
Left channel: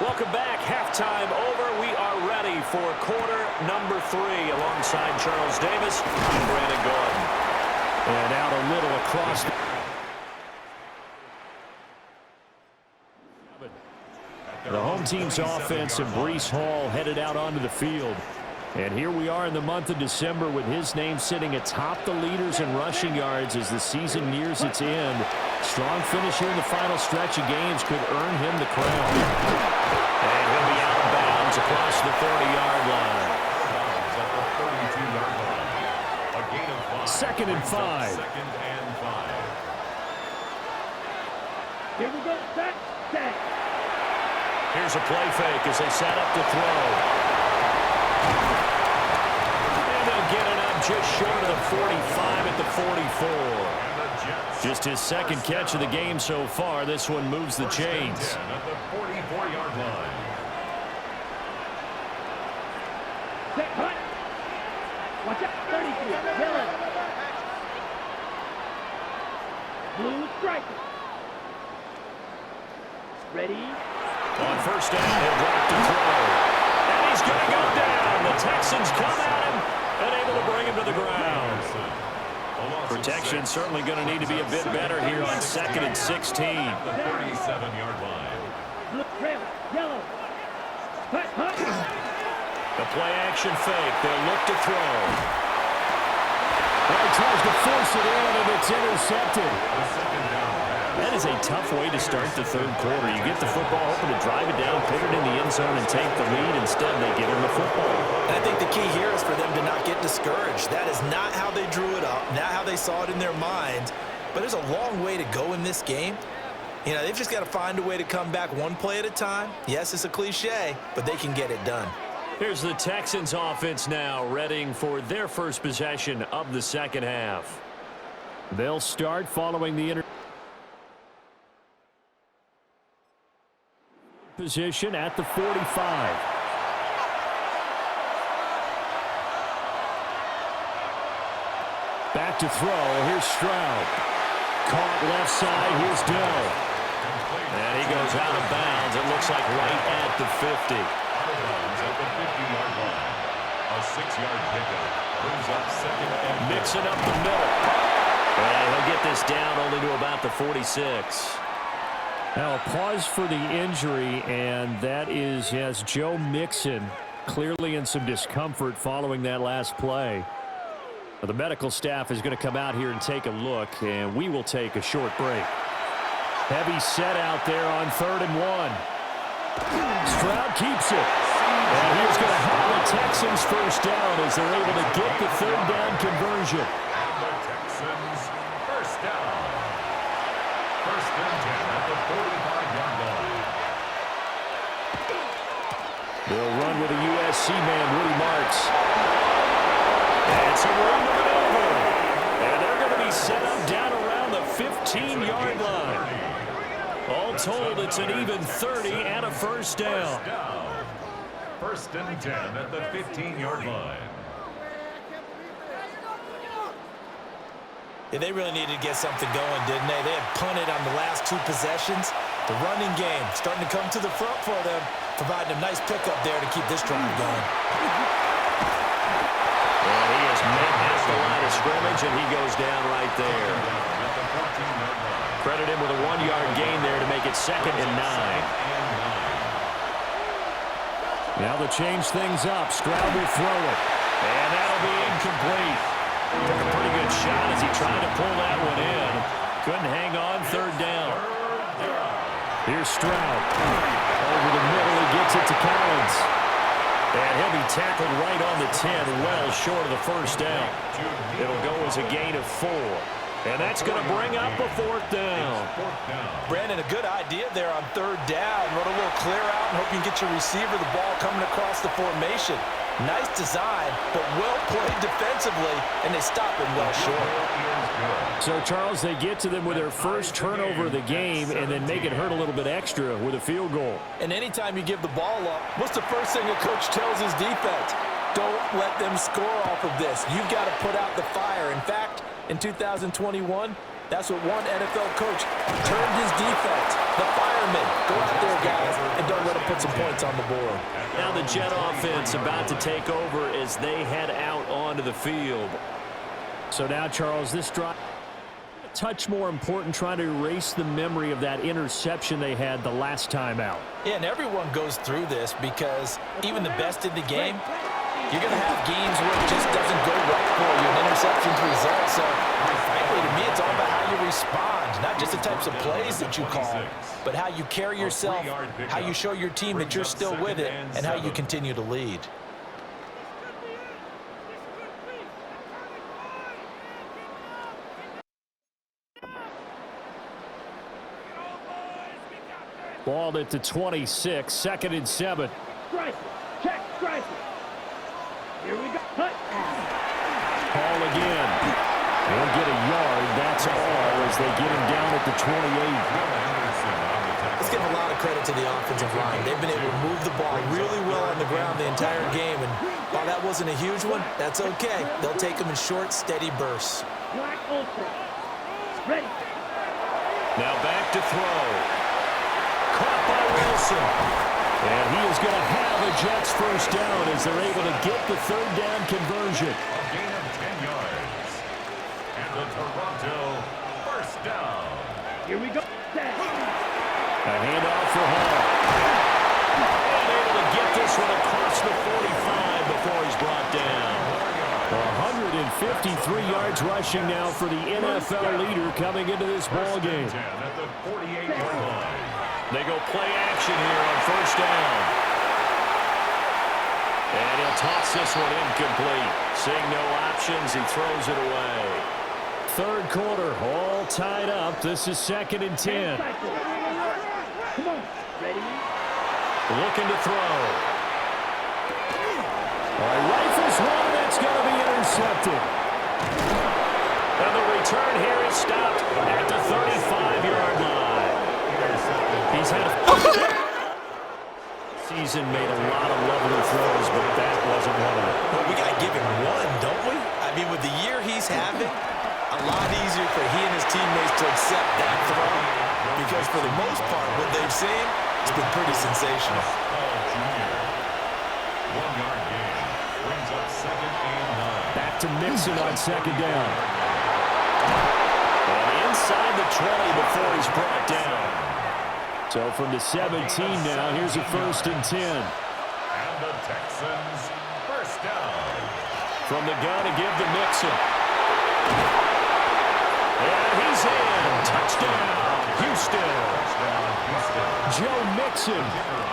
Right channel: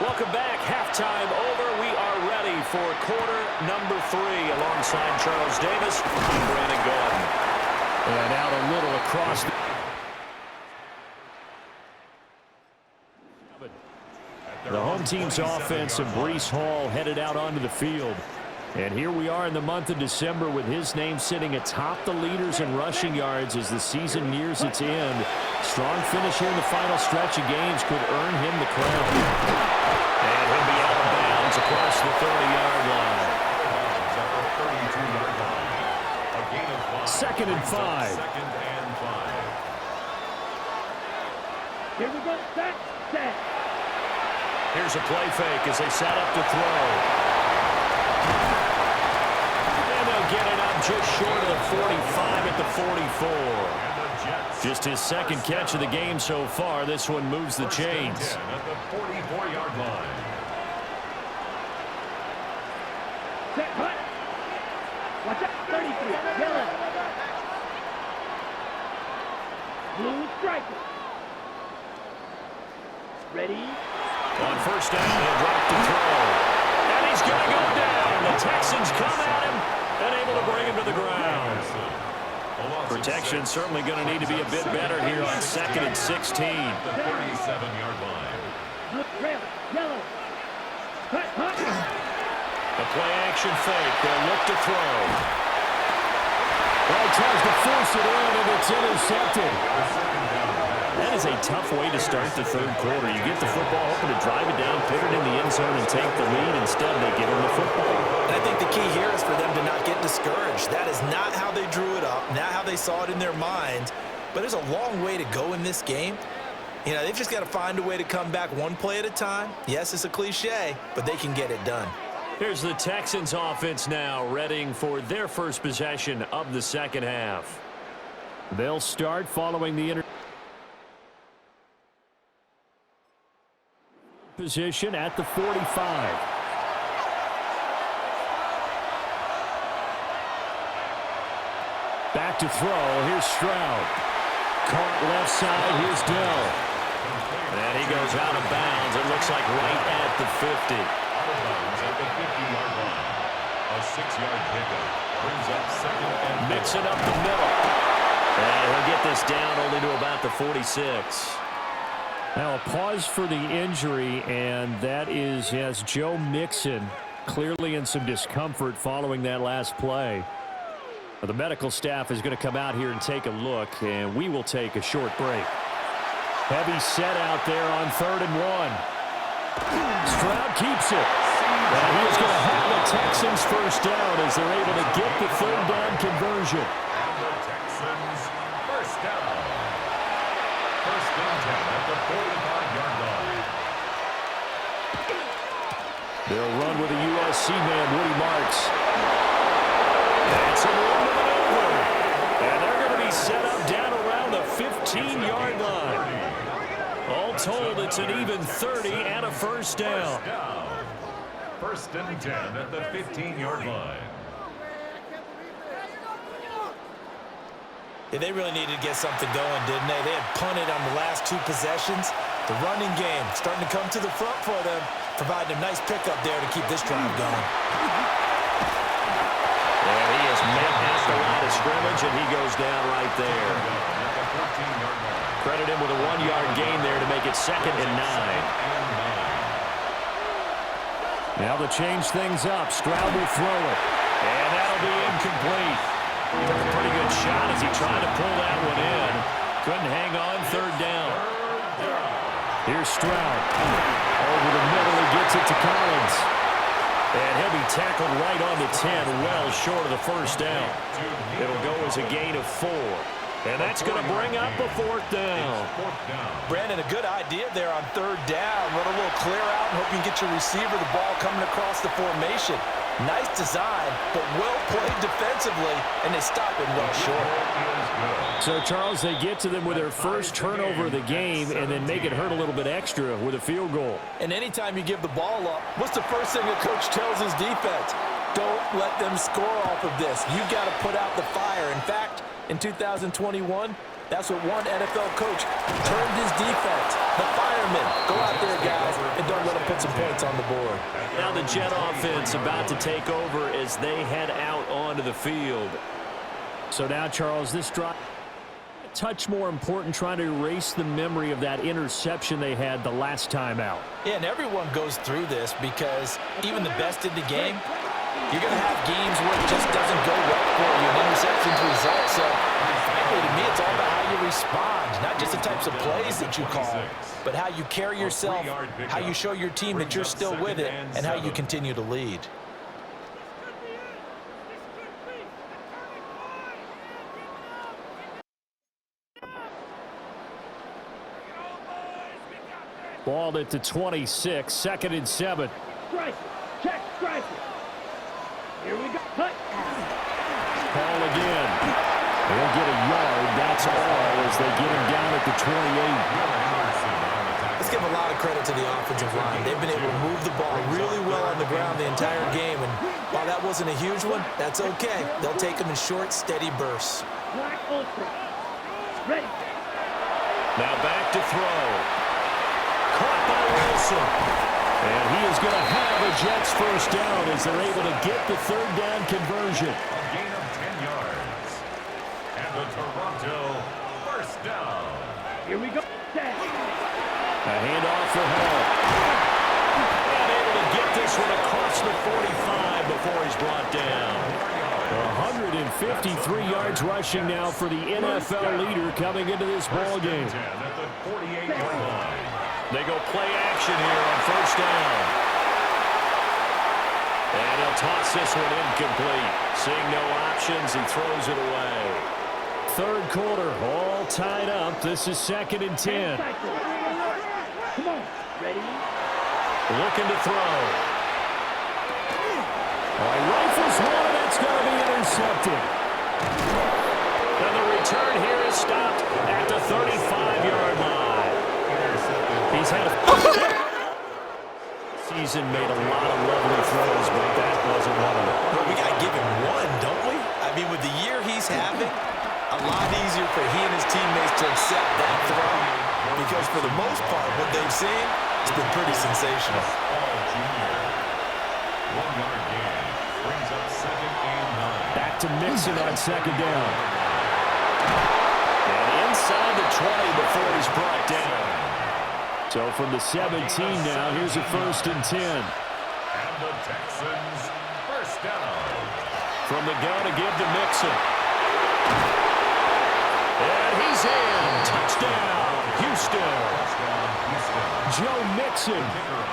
Welcome back. Halftime over. We are ready for quarter number 3 alongside Charles Davis. I'm Brandon Gordon. And out a little across the... The home team's offense and Breece Hall headed out onto the field. And here we are in the month of December with his name sitting atop the leaders in rushing yards as the season nears its end. Strong finish here in the final stretch of games could earn him the crown. And he'll be out of bounds across the 30-yard line. At the 32-yard line. A gain of 5. Second and 5. Second and 5. Here we go. Set. Here's a play fake as they set up to throw. And they'll get it up just short of the 45 at the 44. Just his second catch of the game so far. This one moves the chains. At the 44-yard line. Watch out. 33. Yellow. Blue striker. Ready? On first down, he'll drop to throw. And he's going to go down. The Texans come at him and able to bring him to the ground. Protection certainly going to need to be a bit better here on 2nd and 16. The 37-yard line. Blue trail. Yellow. Hut, hut. The play action fake. They'll look to throw. Well, he tries to force it in, and it's intercepted. That is a tough way to start the third quarter. You get the football, hoping to drive it down, put it in the end zone, and take the lead. Instead, they give him the football. I think the key here is for them to not get discouraged. That is not how they drew it up, not how they saw it in their minds. But there's a long way to go in this game. You know, they've just got to find a way to come back one play at a time. Yes, it's a cliche, but they can get it done. Here's the Texans offense now, readying for their first possession of the second half. They'll start following the position at the 45. Back to throw. Here's Stroud. Caught left side. Here's Dell. And he goes out of bounds. It looks like right at the 50. Out of bounds at the 50-yard line. A 6-yard pickup brings up 2nd and Mixing up the middle. And he'll get this down only to about the 46. Now a pause for the injury, and that is, yes, Joe Mixon clearly in some discomfort following that last play. The medical staff is going to come out here and take a look, and we will take a short break. Heavy set out there on 3rd and 1. Stroud keeps it. And he is going to have the Texans first down as they're able to get the 3rd down conversion. And the Texans first down. 1st and 10 at the 45-yard line. They'll run with a USC man, Woody Marks. And some room to maneuver. And they're going to be set up down around the 15-yard line. All told, it's an even 30 and a first down. 1st and 10 at the 15-yard line. Yeah, they really needed to get something going, didn't they? They had punted on the last 2 possessions. The running game starting to come to the front for them, providing a nice pickup there to keep this drive going. And he is met at the line of scrimmage, and he goes down right there. At the 14-yard line. Credit him with a 1-yard gain there to make it 2nd and 9. Now to change things up, Stroud will throw it. And that'll be incomplete. Took a pretty good shot as he tried to pull that one in. Couldn't hang on, 3rd down. Here's Stroud. Over the middle, he gets it to Collins. And he'll be tackled right on the 10, well short of the first down. It'll go as a gain of 4. And that's going to bring up a 4th down. Brandon, a good idea there on 3rd down. Run a little clear out and hope you can get your receiver the ball coming across the formation. Nice design, but well played defensively, and they stop him well short. So, Charles, they get to them with their first turnover of the game and then make it hurt a little bit extra with a field goal. And anytime you give the ball up, what's the first thing a coach tells his defense? Don't let them score off of this. You've got to put out the fire. In fact, in 2021, that's what one NFL coach termed his defense. The firemen. Go out there, guys, and don't let them put some points on the board. Now the Jet offense about to take over as they head out onto the field. So now, Charles, this drive a touch more important, trying to erase the memory of that interception they had the last time out. Yeah, and everyone goes through this because even the best in the game, you're going to have games where it just doesn't go right for you, and interceptions result. So, frankly, to me, it's all about how you respond, not just the types of plays that you call, but how you carry yourself, how you show your team that you're still with it, and how you continue to lead. Ball at the 26, 2nd and 7. Striker. Check. Striker. Here we go. Hut. Ball again. He'll get a yard. That's all as they get him down at the 28. Let's give a lot of credit to the offensive line. They've been able to move the ball really well on the ground the entire game, and while that wasn't a huge one, that's okay. They'll take them in short, steady bursts. Black Ultra. Ready. Now back to throw. Caught by Wilson. And he is going to have a Jets first down as they're able to get the third down conversion. A gain of 10 yards. And the Toronto first down. Here we go. A handoff for Hall. And able to get this one across the 45 before he's brought down. 153 yards rushing now for the NFL leader coming into this ball game. At the 48-yard line. They go play action here on first down. And he'll toss this one incomplete. Seeing no options, he throws it away. Third quarter, all tied up. This is 2nd and 10. Come on. Ready? Looking to throw. All right, rifles one, and that's going to be intercepted. And the return here is stopped at the 35-yard line. He's had a season, made a lot of lovely throws, but that wasn't one of them. Well, we got to give him one, don't we? I mean, with the year he's having, a lot easier for he and his teammates to accept that throw, because for the most part, what they've seen, it's been pretty sensational. Paul Jr. 1-yard gain brings up 2nd and 9. Back to Mixon on 2nd down. And inside the 20 before he's brought down. So from the 17 now, here's a 1st and 10. And the Texans first down. From the gun to give to Mixon. And he's in. Touchdown, Houston. Joe Mixon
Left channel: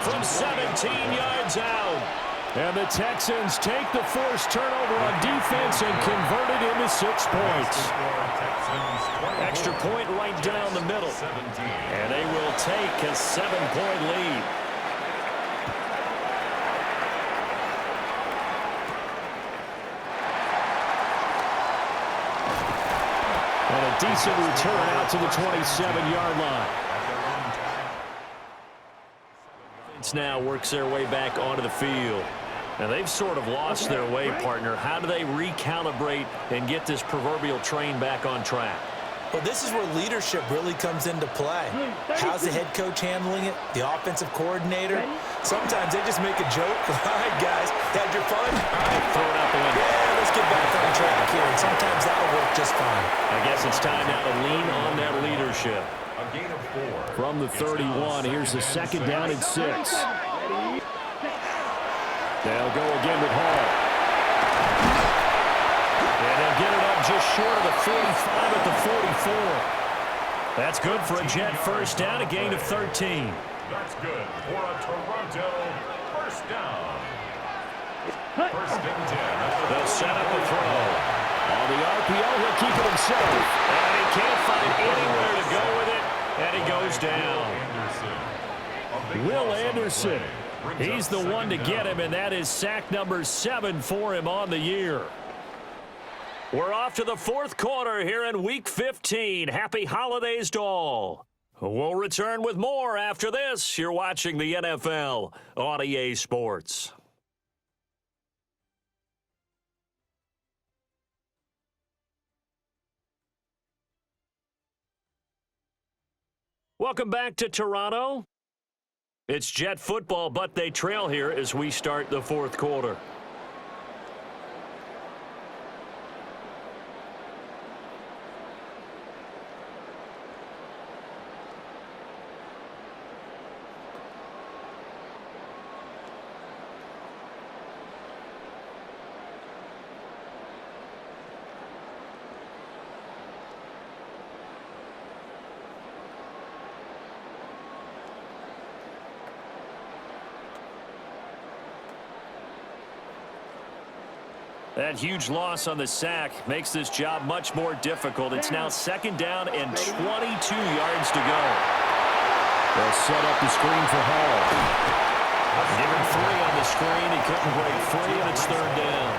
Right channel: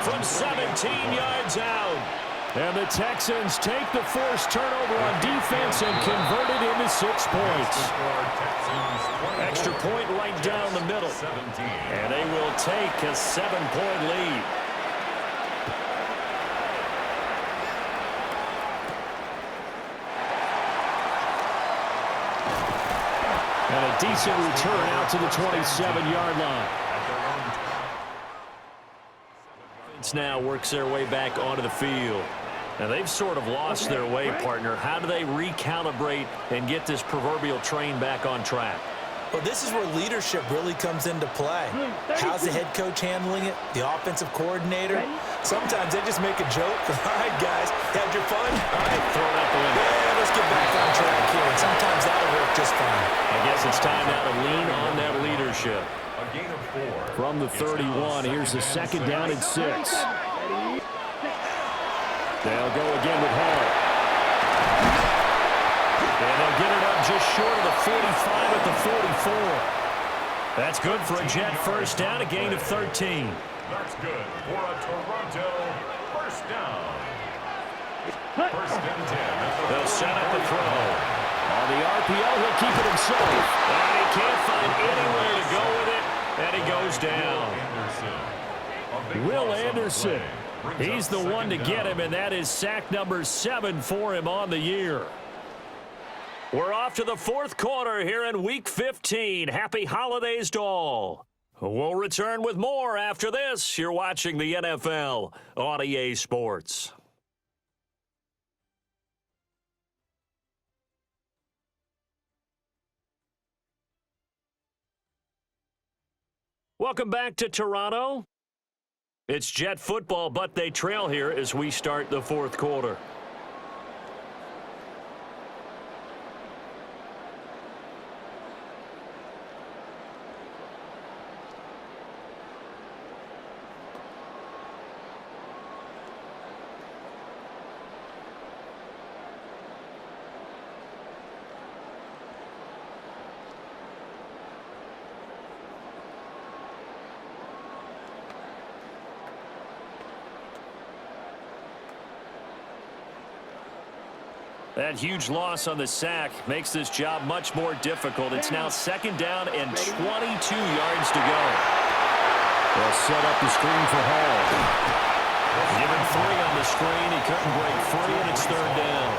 from 17 yards out. And the Texans take the forced turnover on defense and convert it into 6 points. Extra point right down the middle. And they will take a 7-point lead. And a decent return out to the 27-yard line. Now works their way back onto the field. Now they've sort of lost their way, partner. How do they recalibrate and get this proverbial train back on track? Well, this is where leadership really comes into play. How's the head coach handling it? The offensive coordinator? Sometimes they just make a joke. All right, guys, had your fun? All right, Throw it out the window. Yeah, let's get back on track here. And sometimes that'll work just fine. I guess it's time now to lean on that leadership. A gain of 4. From the 31, here's the 2nd down and 6. They'll go again with Hall. And they'll get it up just short of the 45 at the 44. That's good for a Jet first down, a gain of 13. That's good for a Toronto first down. 1st and 10. They'll set up a throw. On the RPO, he'll keep it himself. And he can't find anywhere to go with it. And he goes down. Will Anderson. He's the one to get him, and that is sack number 7 for him on the year. We're off to the 4th quarter here in Week 15. Happy holidays to all. We'll return with more after this. You're watching the NFL on EA Sports. Welcome back to Toronto. It's Jet football, but they trail here as we start the 4th quarter. That huge loss on the sack makes this job much more difficult. It's now 2nd down and 22 yards to go. They'll set up the screen for Hall. Given 3 on the screen, he couldn't break free, and it's 3rd down.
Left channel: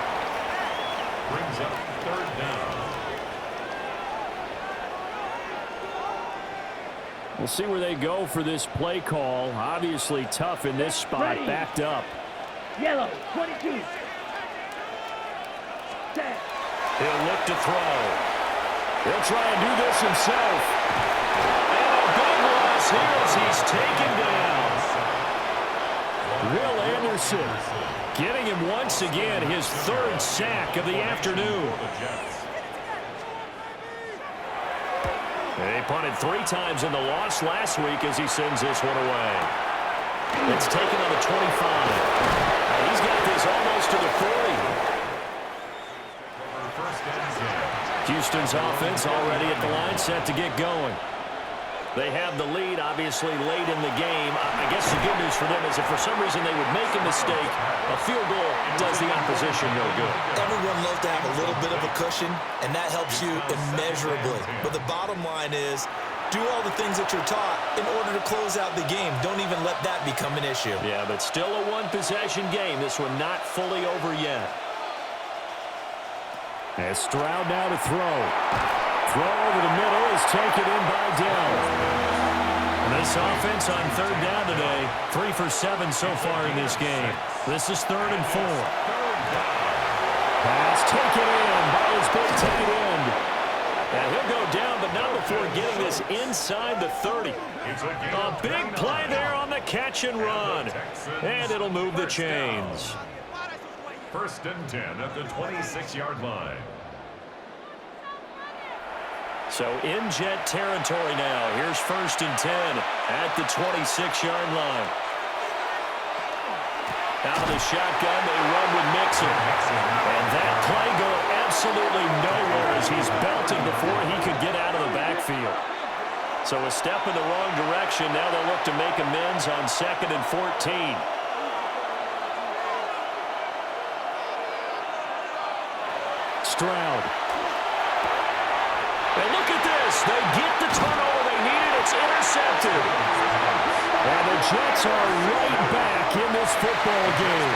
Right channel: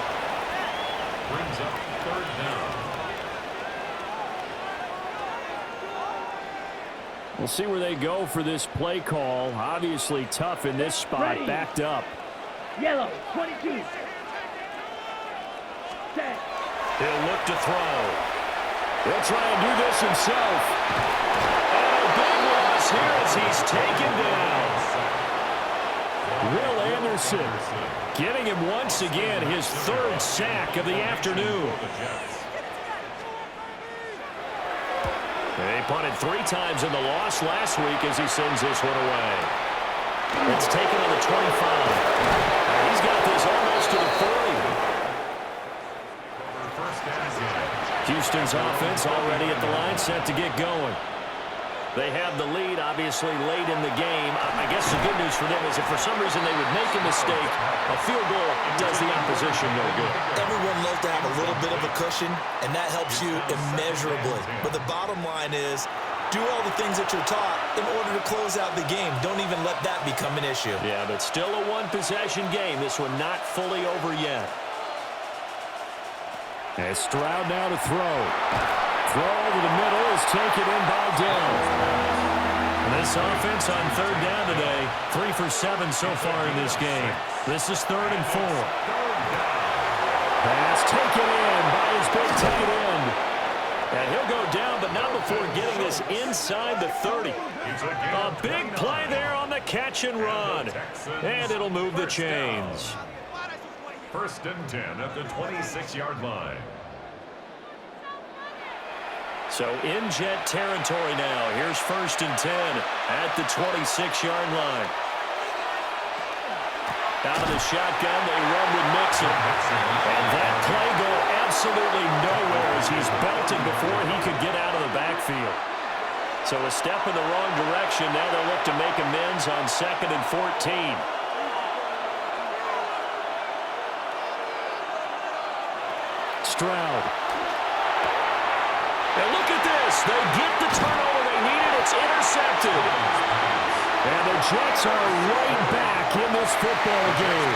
Brings up 3rd down. We'll see where they go for this play call. Obviously tough in this spot, Ready. backed up. Yellow, 22. Set. He'll look to throw. He'll try and do this himself. And a big loss here as he's taken down. Will Anderson getting him once again his third sack of the afternoon. He punted 3 times in the loss last week as he sends this one away. It's taken on the 25. He's got this almost to the 40. Houston's offense already at the line, set to get going. They have the lead, obviously, late in the game. I guess the good news for them is if for some reason they would make a mistake, a field goal does the opposition no good. Everyone loves to have a little bit of a cushion, and that helps you immeasurably. But the bottom line is, do all the things that you're taught in order to close out the game. Don't even let that become an issue. Yeah, but still a one-possession game. This one not fully over yet. As Stroud now to throw. Throw over the middle is taken in by Dell. And this offense on third down today, 3 for 7 so far in this game. This is 3rd and 4. Pass taken in by his big tight end. And he'll go down, but not before getting this inside the 30. A big play there on the catch and run. And it'll move the chains. 1st and 10 at the 26-yard line. So in Jet territory now. Here's 1st and 10 at the 26-yard line. Out of the shotgun, they run with Mixon. And that play going absolutely nowhere as he's belted before he could get out of the backfield. So a step in the wrong direction. Now they'll look to make amends on 2nd and 14. Stroud. And look at this. They get the turnover they needed. It's intercepted. And the Jets are right back in this football game.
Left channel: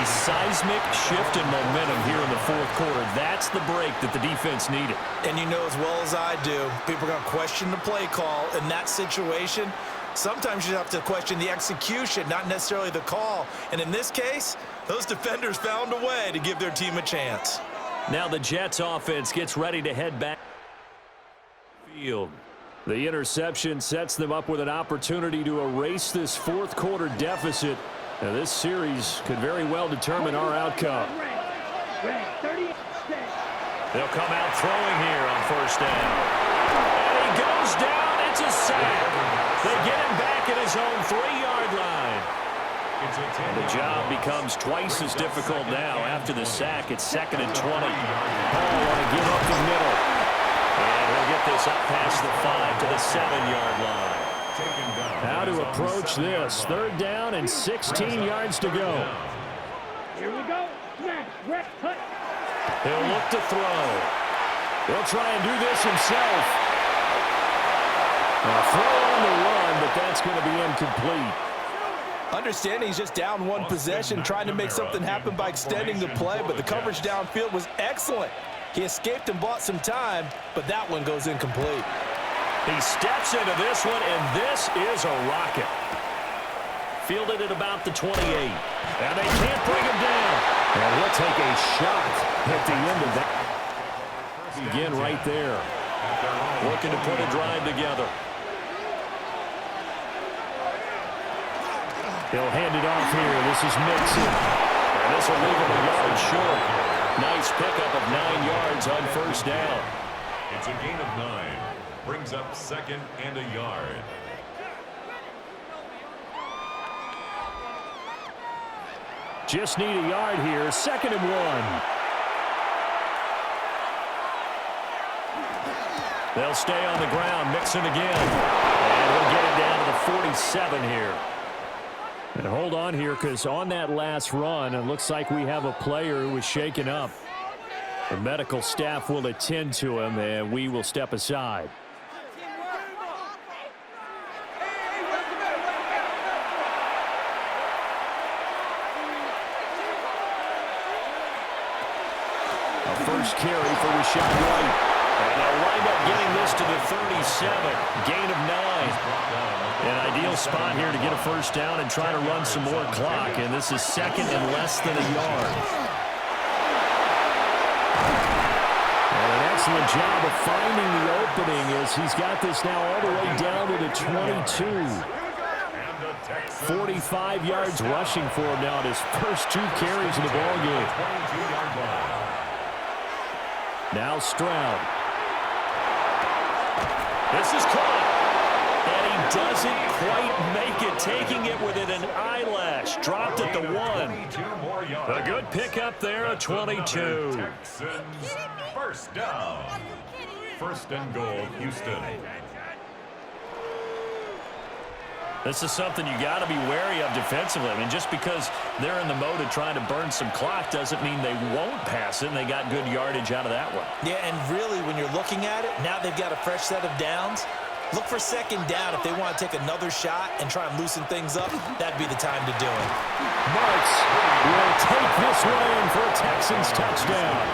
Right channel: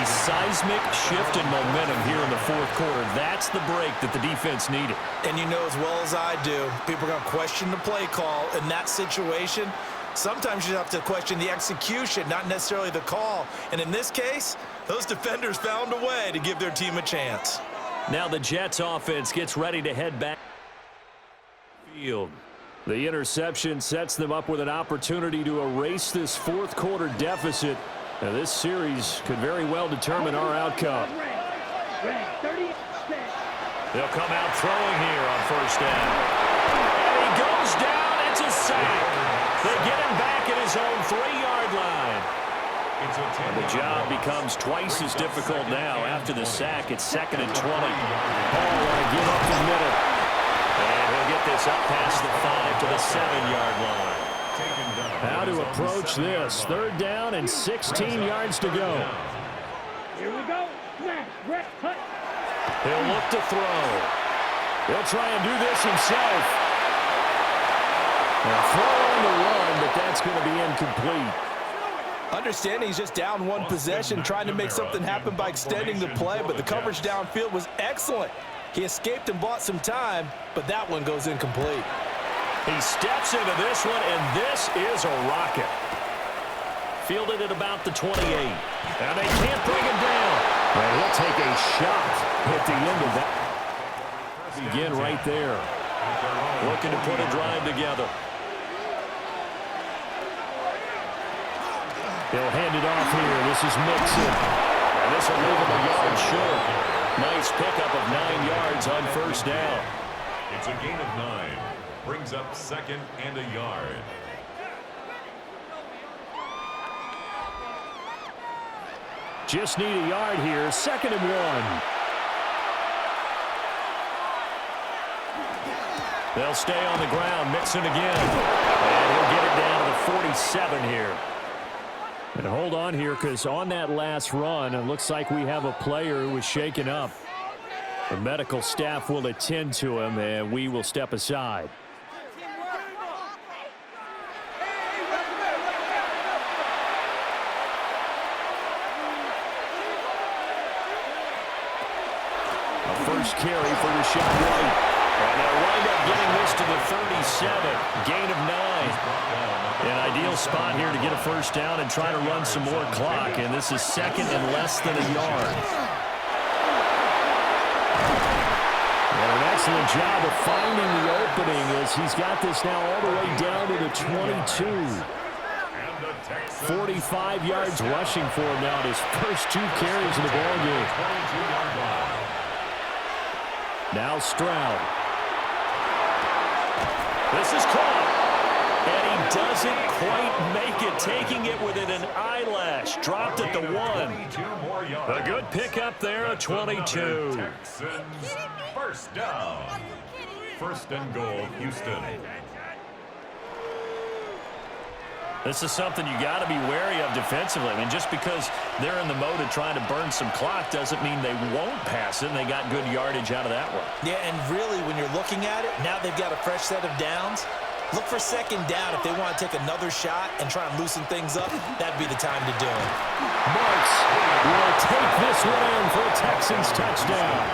A seismic shift in momentum here in the 4th quarter. That's the break that the defense needed. And you know as well as I do, people are going to question the play call in that situation. Sometimes you have to question the execution, not necessarily the call. And in this case, those defenders found a way to give their team a chance. Now the Jets offense gets ready to head back field. The interception sets them up with an opportunity to erase this 4th quarter deficit. Now this series could very well determine our outcome. They'll come out throwing here on 1st down. And he goes down. It's a sack. They get him back at his own 3-yard line. And the job becomes twice as difficult now after the sack. It's 2nd and 20. Paul want to give up the middle. And he'll get this up past the 5 to the 7-yard line. How to approach this. 3rd down and 16 yards to go. Here we go. Smash. Rep. Cut. He'll look to throw. He'll try and do this himself. A throw on the run, but that's going to be incomplete. Understanding he's just down 1 possession, trying to make something happen by extending the play, but the coverage downfield was excellent. He escaped and bought some time, but that one goes incomplete. He steps into this one, and this is a rocket. Fielded at about the 28. And they can't bring him down. And he'll take a shot at the end of that. Begin right there. Looking to put a drive together. He'll hand it off here. This is Mixon. And this will leave him a yard short. Nice pickup of 9 yards on 1st down. It's a gain of 9. Brings up 2nd and a yard. Just need a yard here. 2nd and 1. They'll stay on the ground. Mixon again. And he'll get it down to the 47 here. And hold on here, because on that last run, it looks like we have a player who was shaken up. The medical staff will attend to him, and we will step aside. A first carry for Rashad White. And they'll wind up getting this to the 37. Gain of 9. An ideal spot here to get a first down and try to run some more clock. And this is second and less than a yard. And an excellent job of finding the opening as he's got this now all the way down to the 22. 45 yards rushing for him now in his first 2 carries in the ballgame. Now Stroud. This is caught. And he doesn't quite make it, taking it within an eyelash. Dropped at the 1. A good pickup there at 22. Texans, first down. First and goal, Houston. This is something you got to be wary of defensively. I mean, just because they're in the mode of trying to burn some clock doesn't mean they won't pass it, and they got good yardage out of that one. Yeah, and really, when you're looking at it, now they've got a fresh set of downs. Look for second down if they want to take another shot and try and loosen things up. That'd be the time to do it. Marks will take this one in for a Texans touchdown.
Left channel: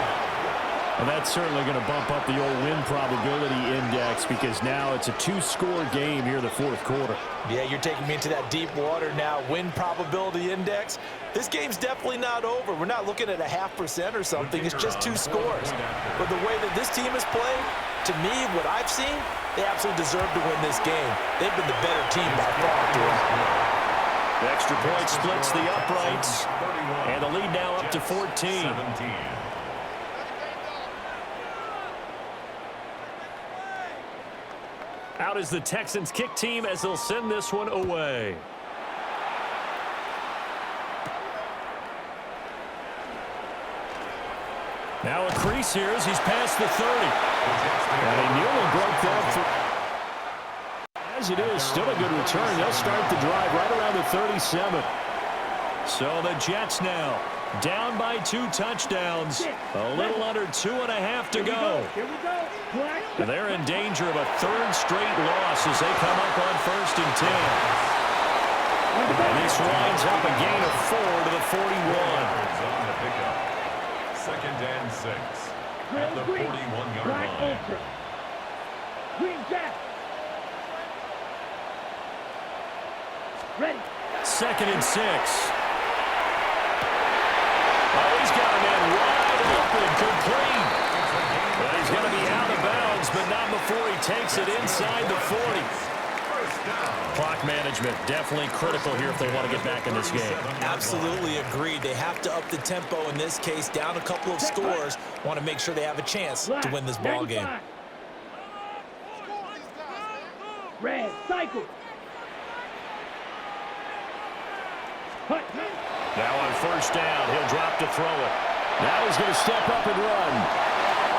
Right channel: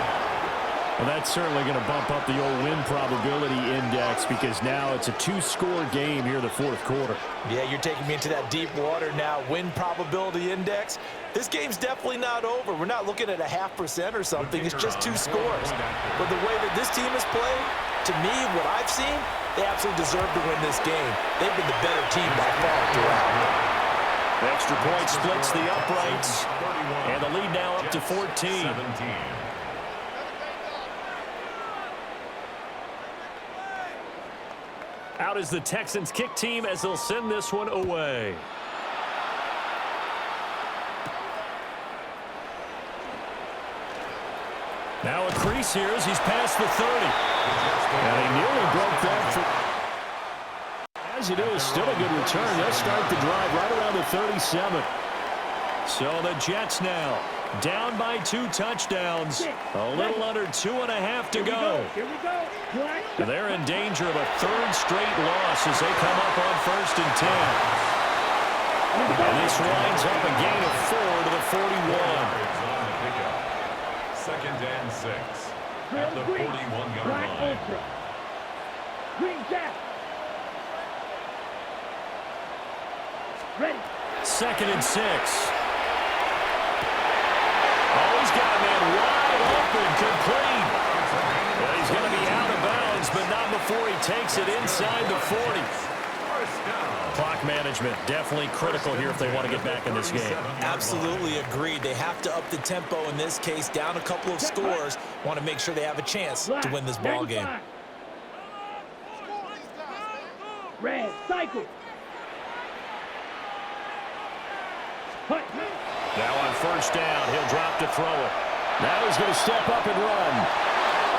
Well, that's certainly going to bump up the old win probability index because now it's a 2-score game here in the fourth quarter. Yeah, you're taking me into that deep water now. Win probability index. This game's definitely not over. We're not looking at a 0.5% or something. It's just 2 scores. But the way that this team has played, to me, what I've seen, they absolutely deserve to win this game. They've been the better team by far throughout. The extra point splits the uprights, and the lead now up to 14. Out is the Texans kick team as they'll send this one away. Now a crease here as he's past the 30. And he nearly broke that. As it is, still a good return. They'll start the drive right around the 37. So the Jets now down by 2 touchdowns. A little under 2.5 to go. Here we go. They're in danger of a 3rd straight loss as they come up on 1st and 10. And this winds up a gain of 4 to the 41. Second and 6 at the 41-yard line. Ultra. Green Jack. Ready. 2nd and 6. Oh, he's got a man wide open, complete. And he's going to be out of bounds, but not before he takes it inside the 40. Clock management, definitely critical here if they want to get back in this game. Absolutely agreed. They have to up the tempo in this case, down a couple of scores. Want to make sure they have a chance to win this ball game. Red, cycle. Hut. Now on 1st down, he'll drop to throw it. Now he's going to step up and run.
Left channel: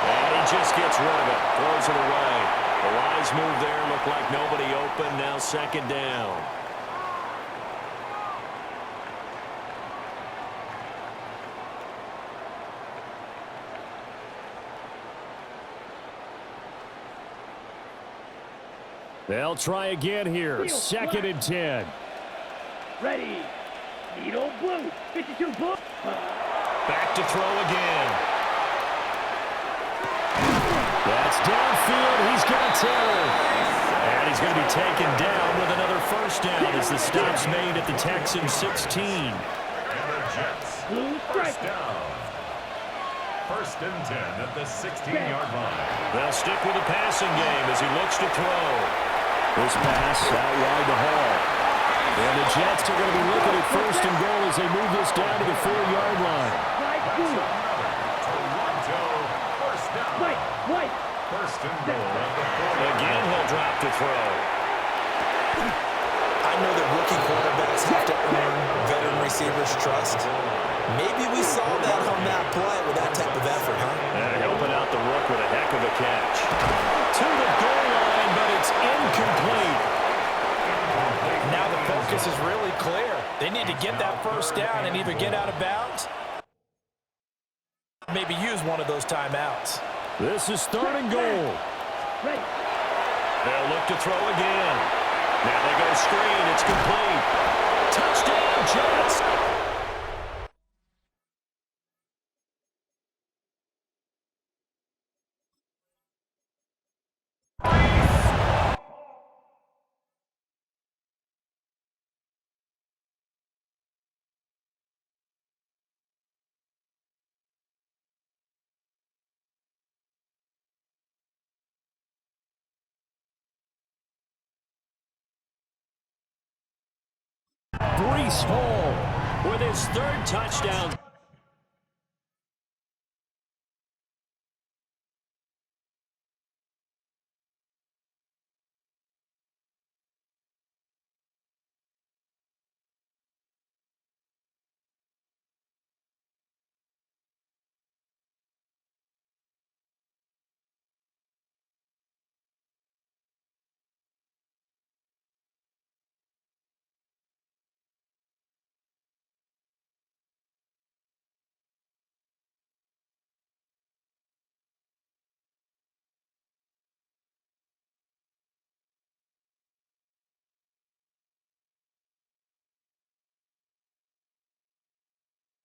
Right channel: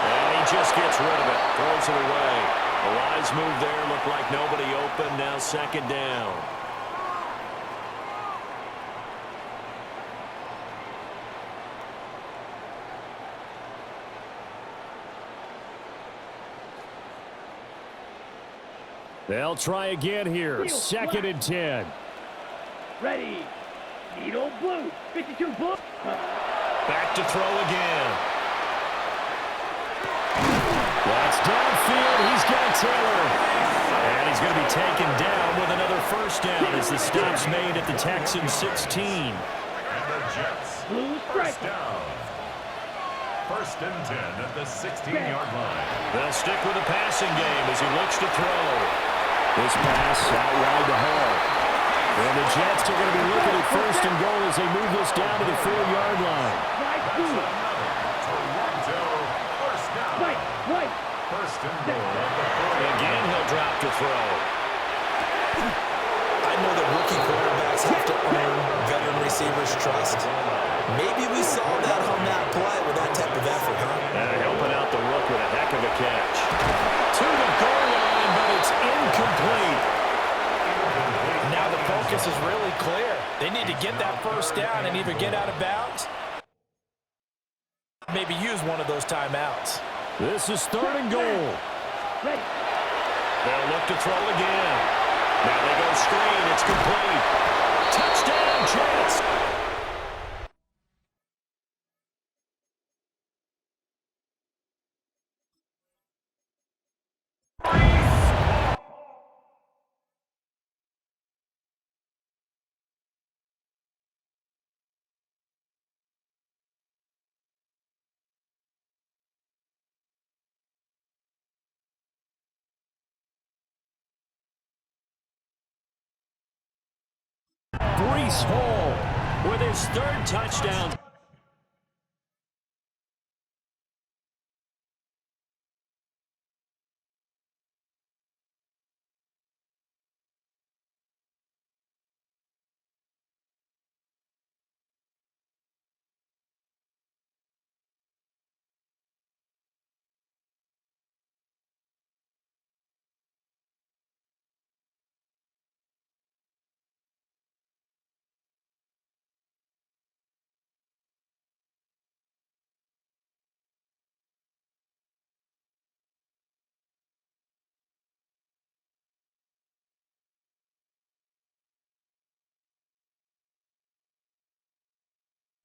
And he just gets rid of it, throws it away. The wise move there, looked like nobody open. Now 2nd down. They'll try again here. 2nd and 10. Ready. Needle blue. 52 blue. Back to throw again. That's downfield. He's got Taylor. And he's going to be taken down with another 1st down as the stop's made at the Texans 16. And the Jets, Blue first strike. down. 1st and 10 at the 16-yard line. They'll stick with the passing game as he looks to throw. This pass out wide to Hall. And the Jets are going to be looking at 1st and goal as they move this down to the 4-yard line. Right, That's blue. another Toronto first down. White, white. 1st and goal at the 40. Again, he'll drop to throw. I know that rookie quarterbacks have to earn veteran receivers' trust. Maybe we saw that on that play with that type of effort, huh? Helping out the rook with a heck of a catch. To the goal line, but it's incomplete. Now the focus is really clear. They need to get that 1st down and either get out of bounds, maybe use one of those timeouts. This is 3rd and goal. Ready. They'll look to throw again. Now they go screen. It's complete. Touchdown, Jets. Breece Hall with his third touchdown.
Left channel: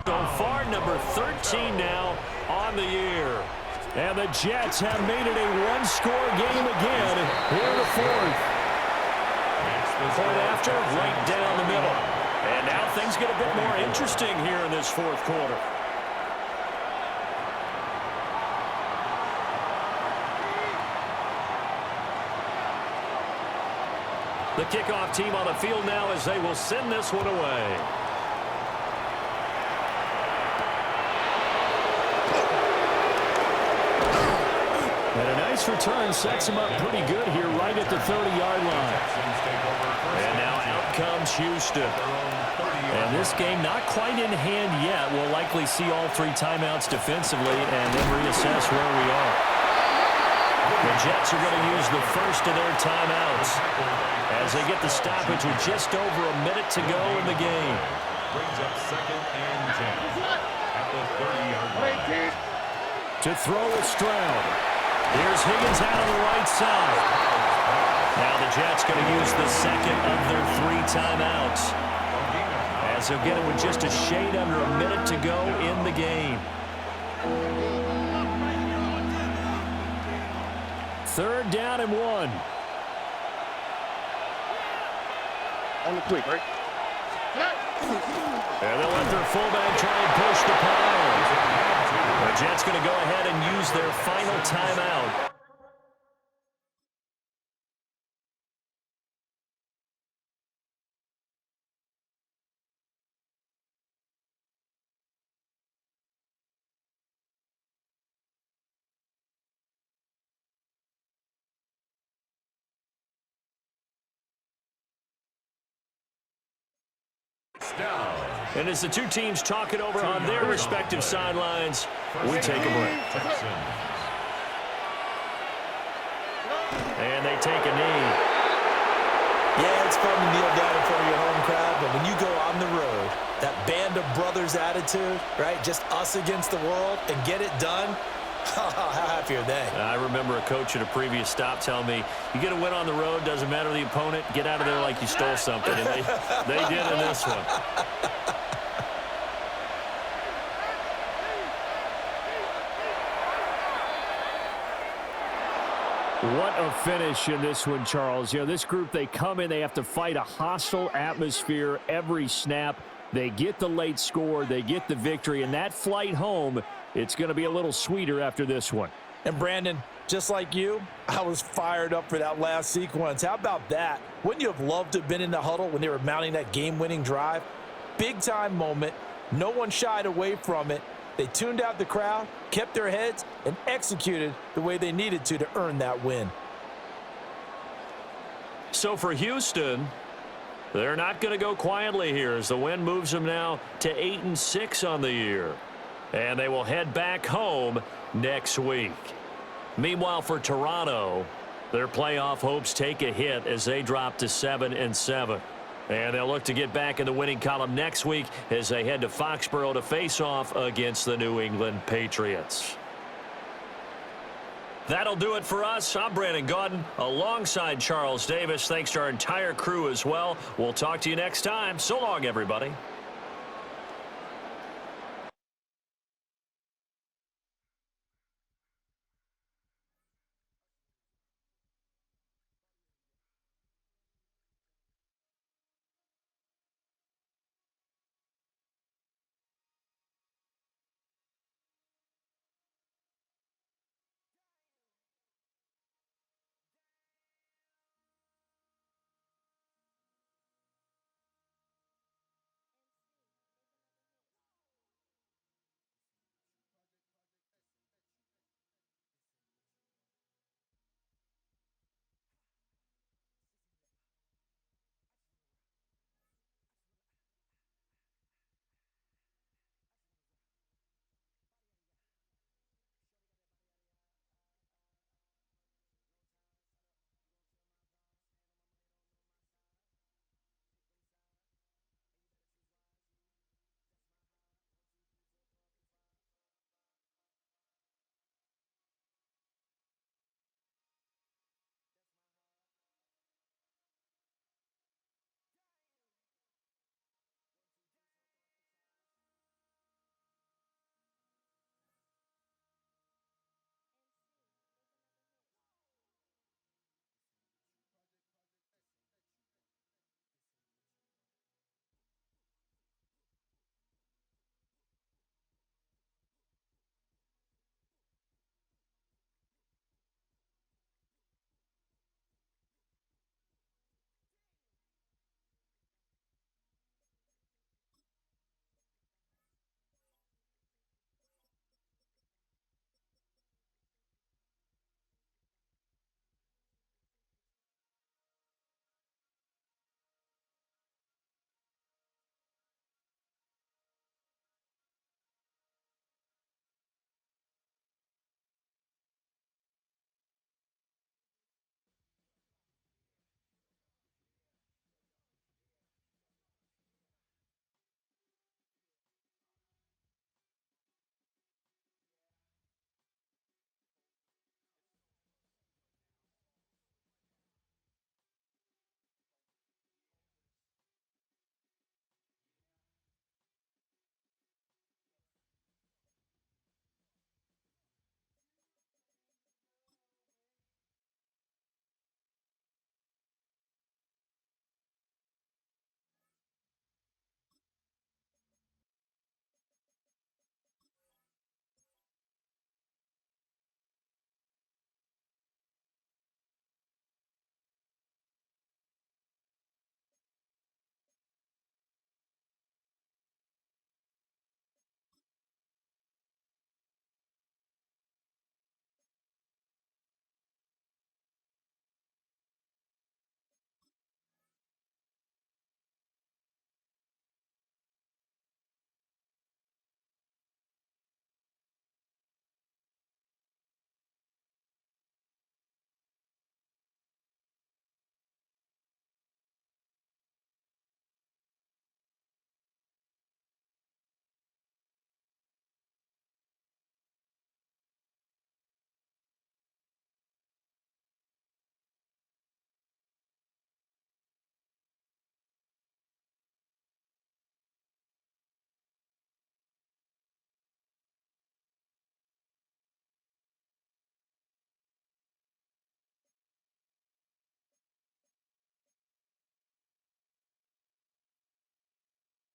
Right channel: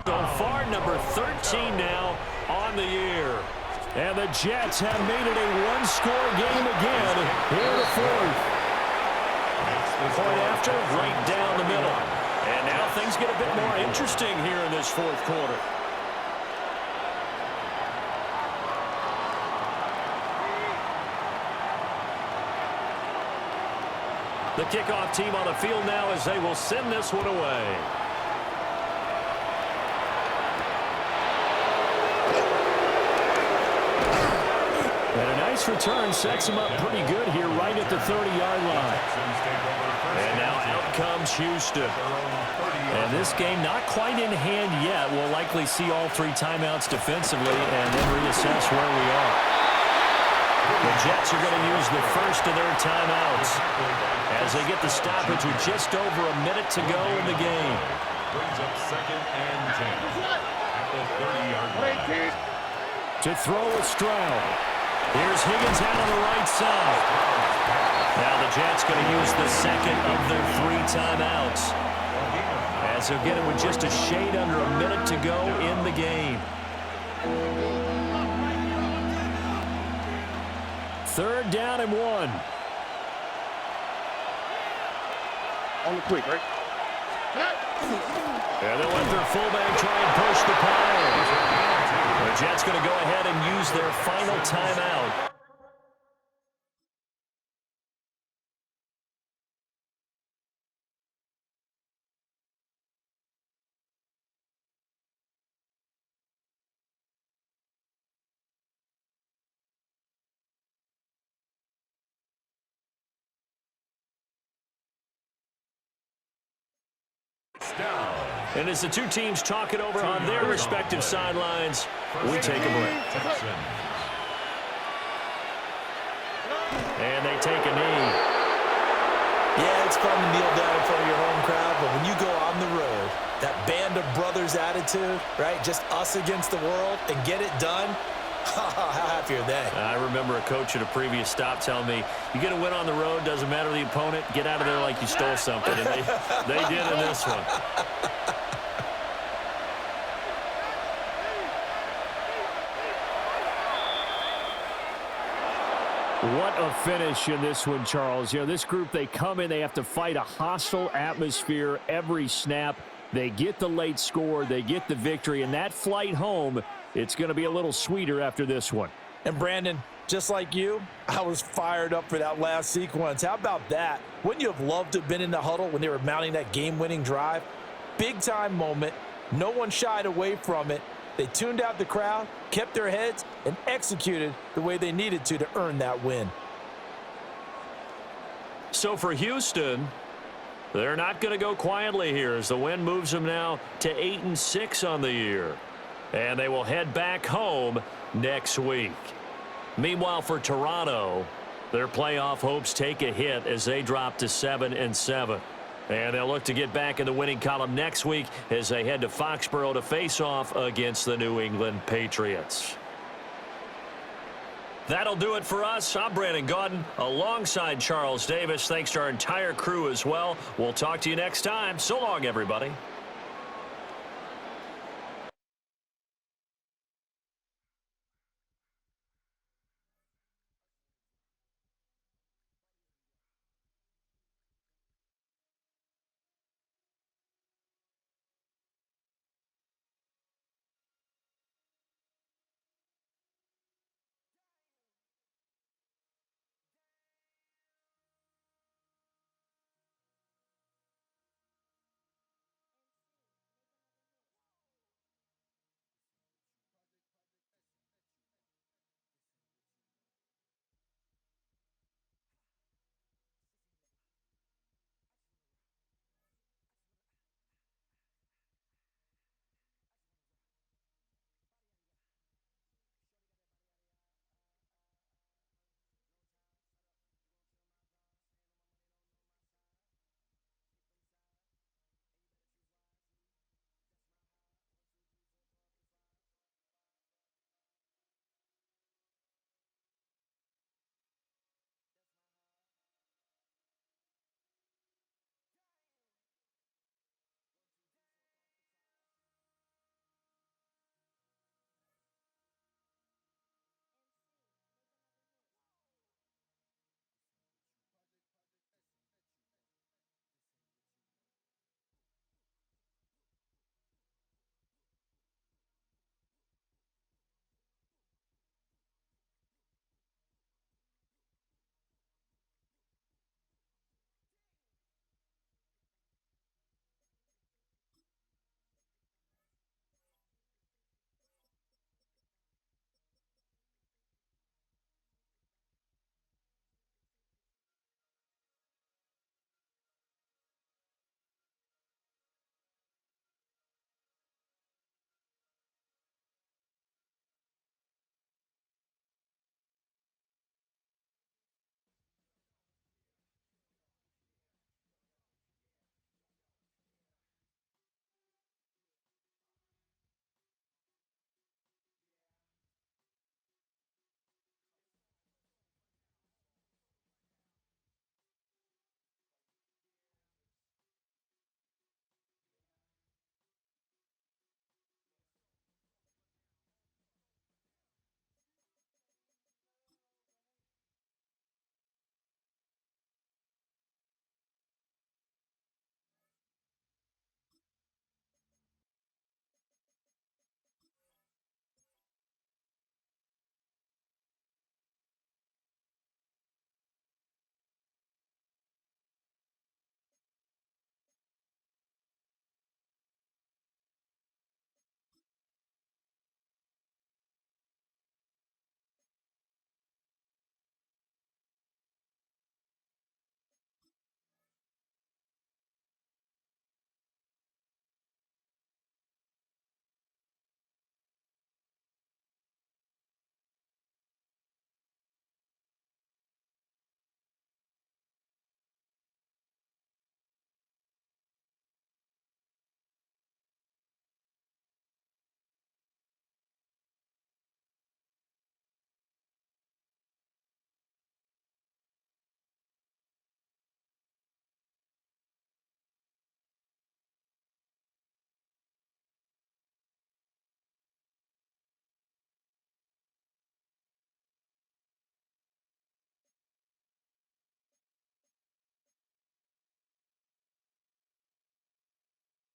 So far, number 13 now on the year. And the Jets have made it a one-score game again here in the fourth. Point after, right down the middle. And now things get a bit more interesting here in this fourth quarter. The kickoff team on the field now as they will send this one away. And a nice return sets him up pretty good here right at the 30-yard line. And now out comes Houston. And this game not quite in hand yet. We'll likely see all three timeouts defensively and then reassess where we are. The Jets are going to use the first of their timeouts as they get the stoppage with just over a minute to go in the game. Brings up 2nd and 10 at the 30-yard line. To throw with Stroud. Here's Higgins out on the right side. Now the Jets going to use the second of their three timeouts, as they'll get it with just a shade under a minute to go in the game. Third down and 1. On the quick, right? And they'll let their fullback try and push the pile. The Jets going to go ahead and use their final timeout. Down. And as the two teams talk it over on their respective sidelines, we take a break. Texans. And they take a knee. Yeah, it's fun to kneel down in front of your home crowd, but when you go on the road, that band of brothers attitude, right? Just us against the world and get it done. How happy are they? I remember a coach at a previous stop telling me, you get a win on the road, doesn't matter the opponent, get out of there like you stole something. And they did in this one. What a finish in this one, Charles. You know, this group, they come in, they have to fight a hostile atmosphere every snap. They get the late score, they get the victory, and that flight home, it's going to be a little sweeter after this one. And Brandon, just like you, I was fired up for that last sequence. How about that? Wouldn't you have loved to have been in the huddle when they were mounting that game-winning drive? Big-time moment. No one shied away from it. They tuned out the crowd, kept their heads, and executed the way they needed to earn that win. So for Houston, they're not going to go quietly here as the win moves them now to 8-6 on the year. And they will head back home next week. Meanwhile, for Toronto, their playoff hopes take a hit as they drop to 7-7. And they'll look to get back in the winning column next week as they head to Foxborough to face off against the New England Patriots. That'll do it for us. I'm Brandon Gaudin alongside Charles Davis. Thanks to our entire crew as well. We'll talk to you next time. So long, everybody.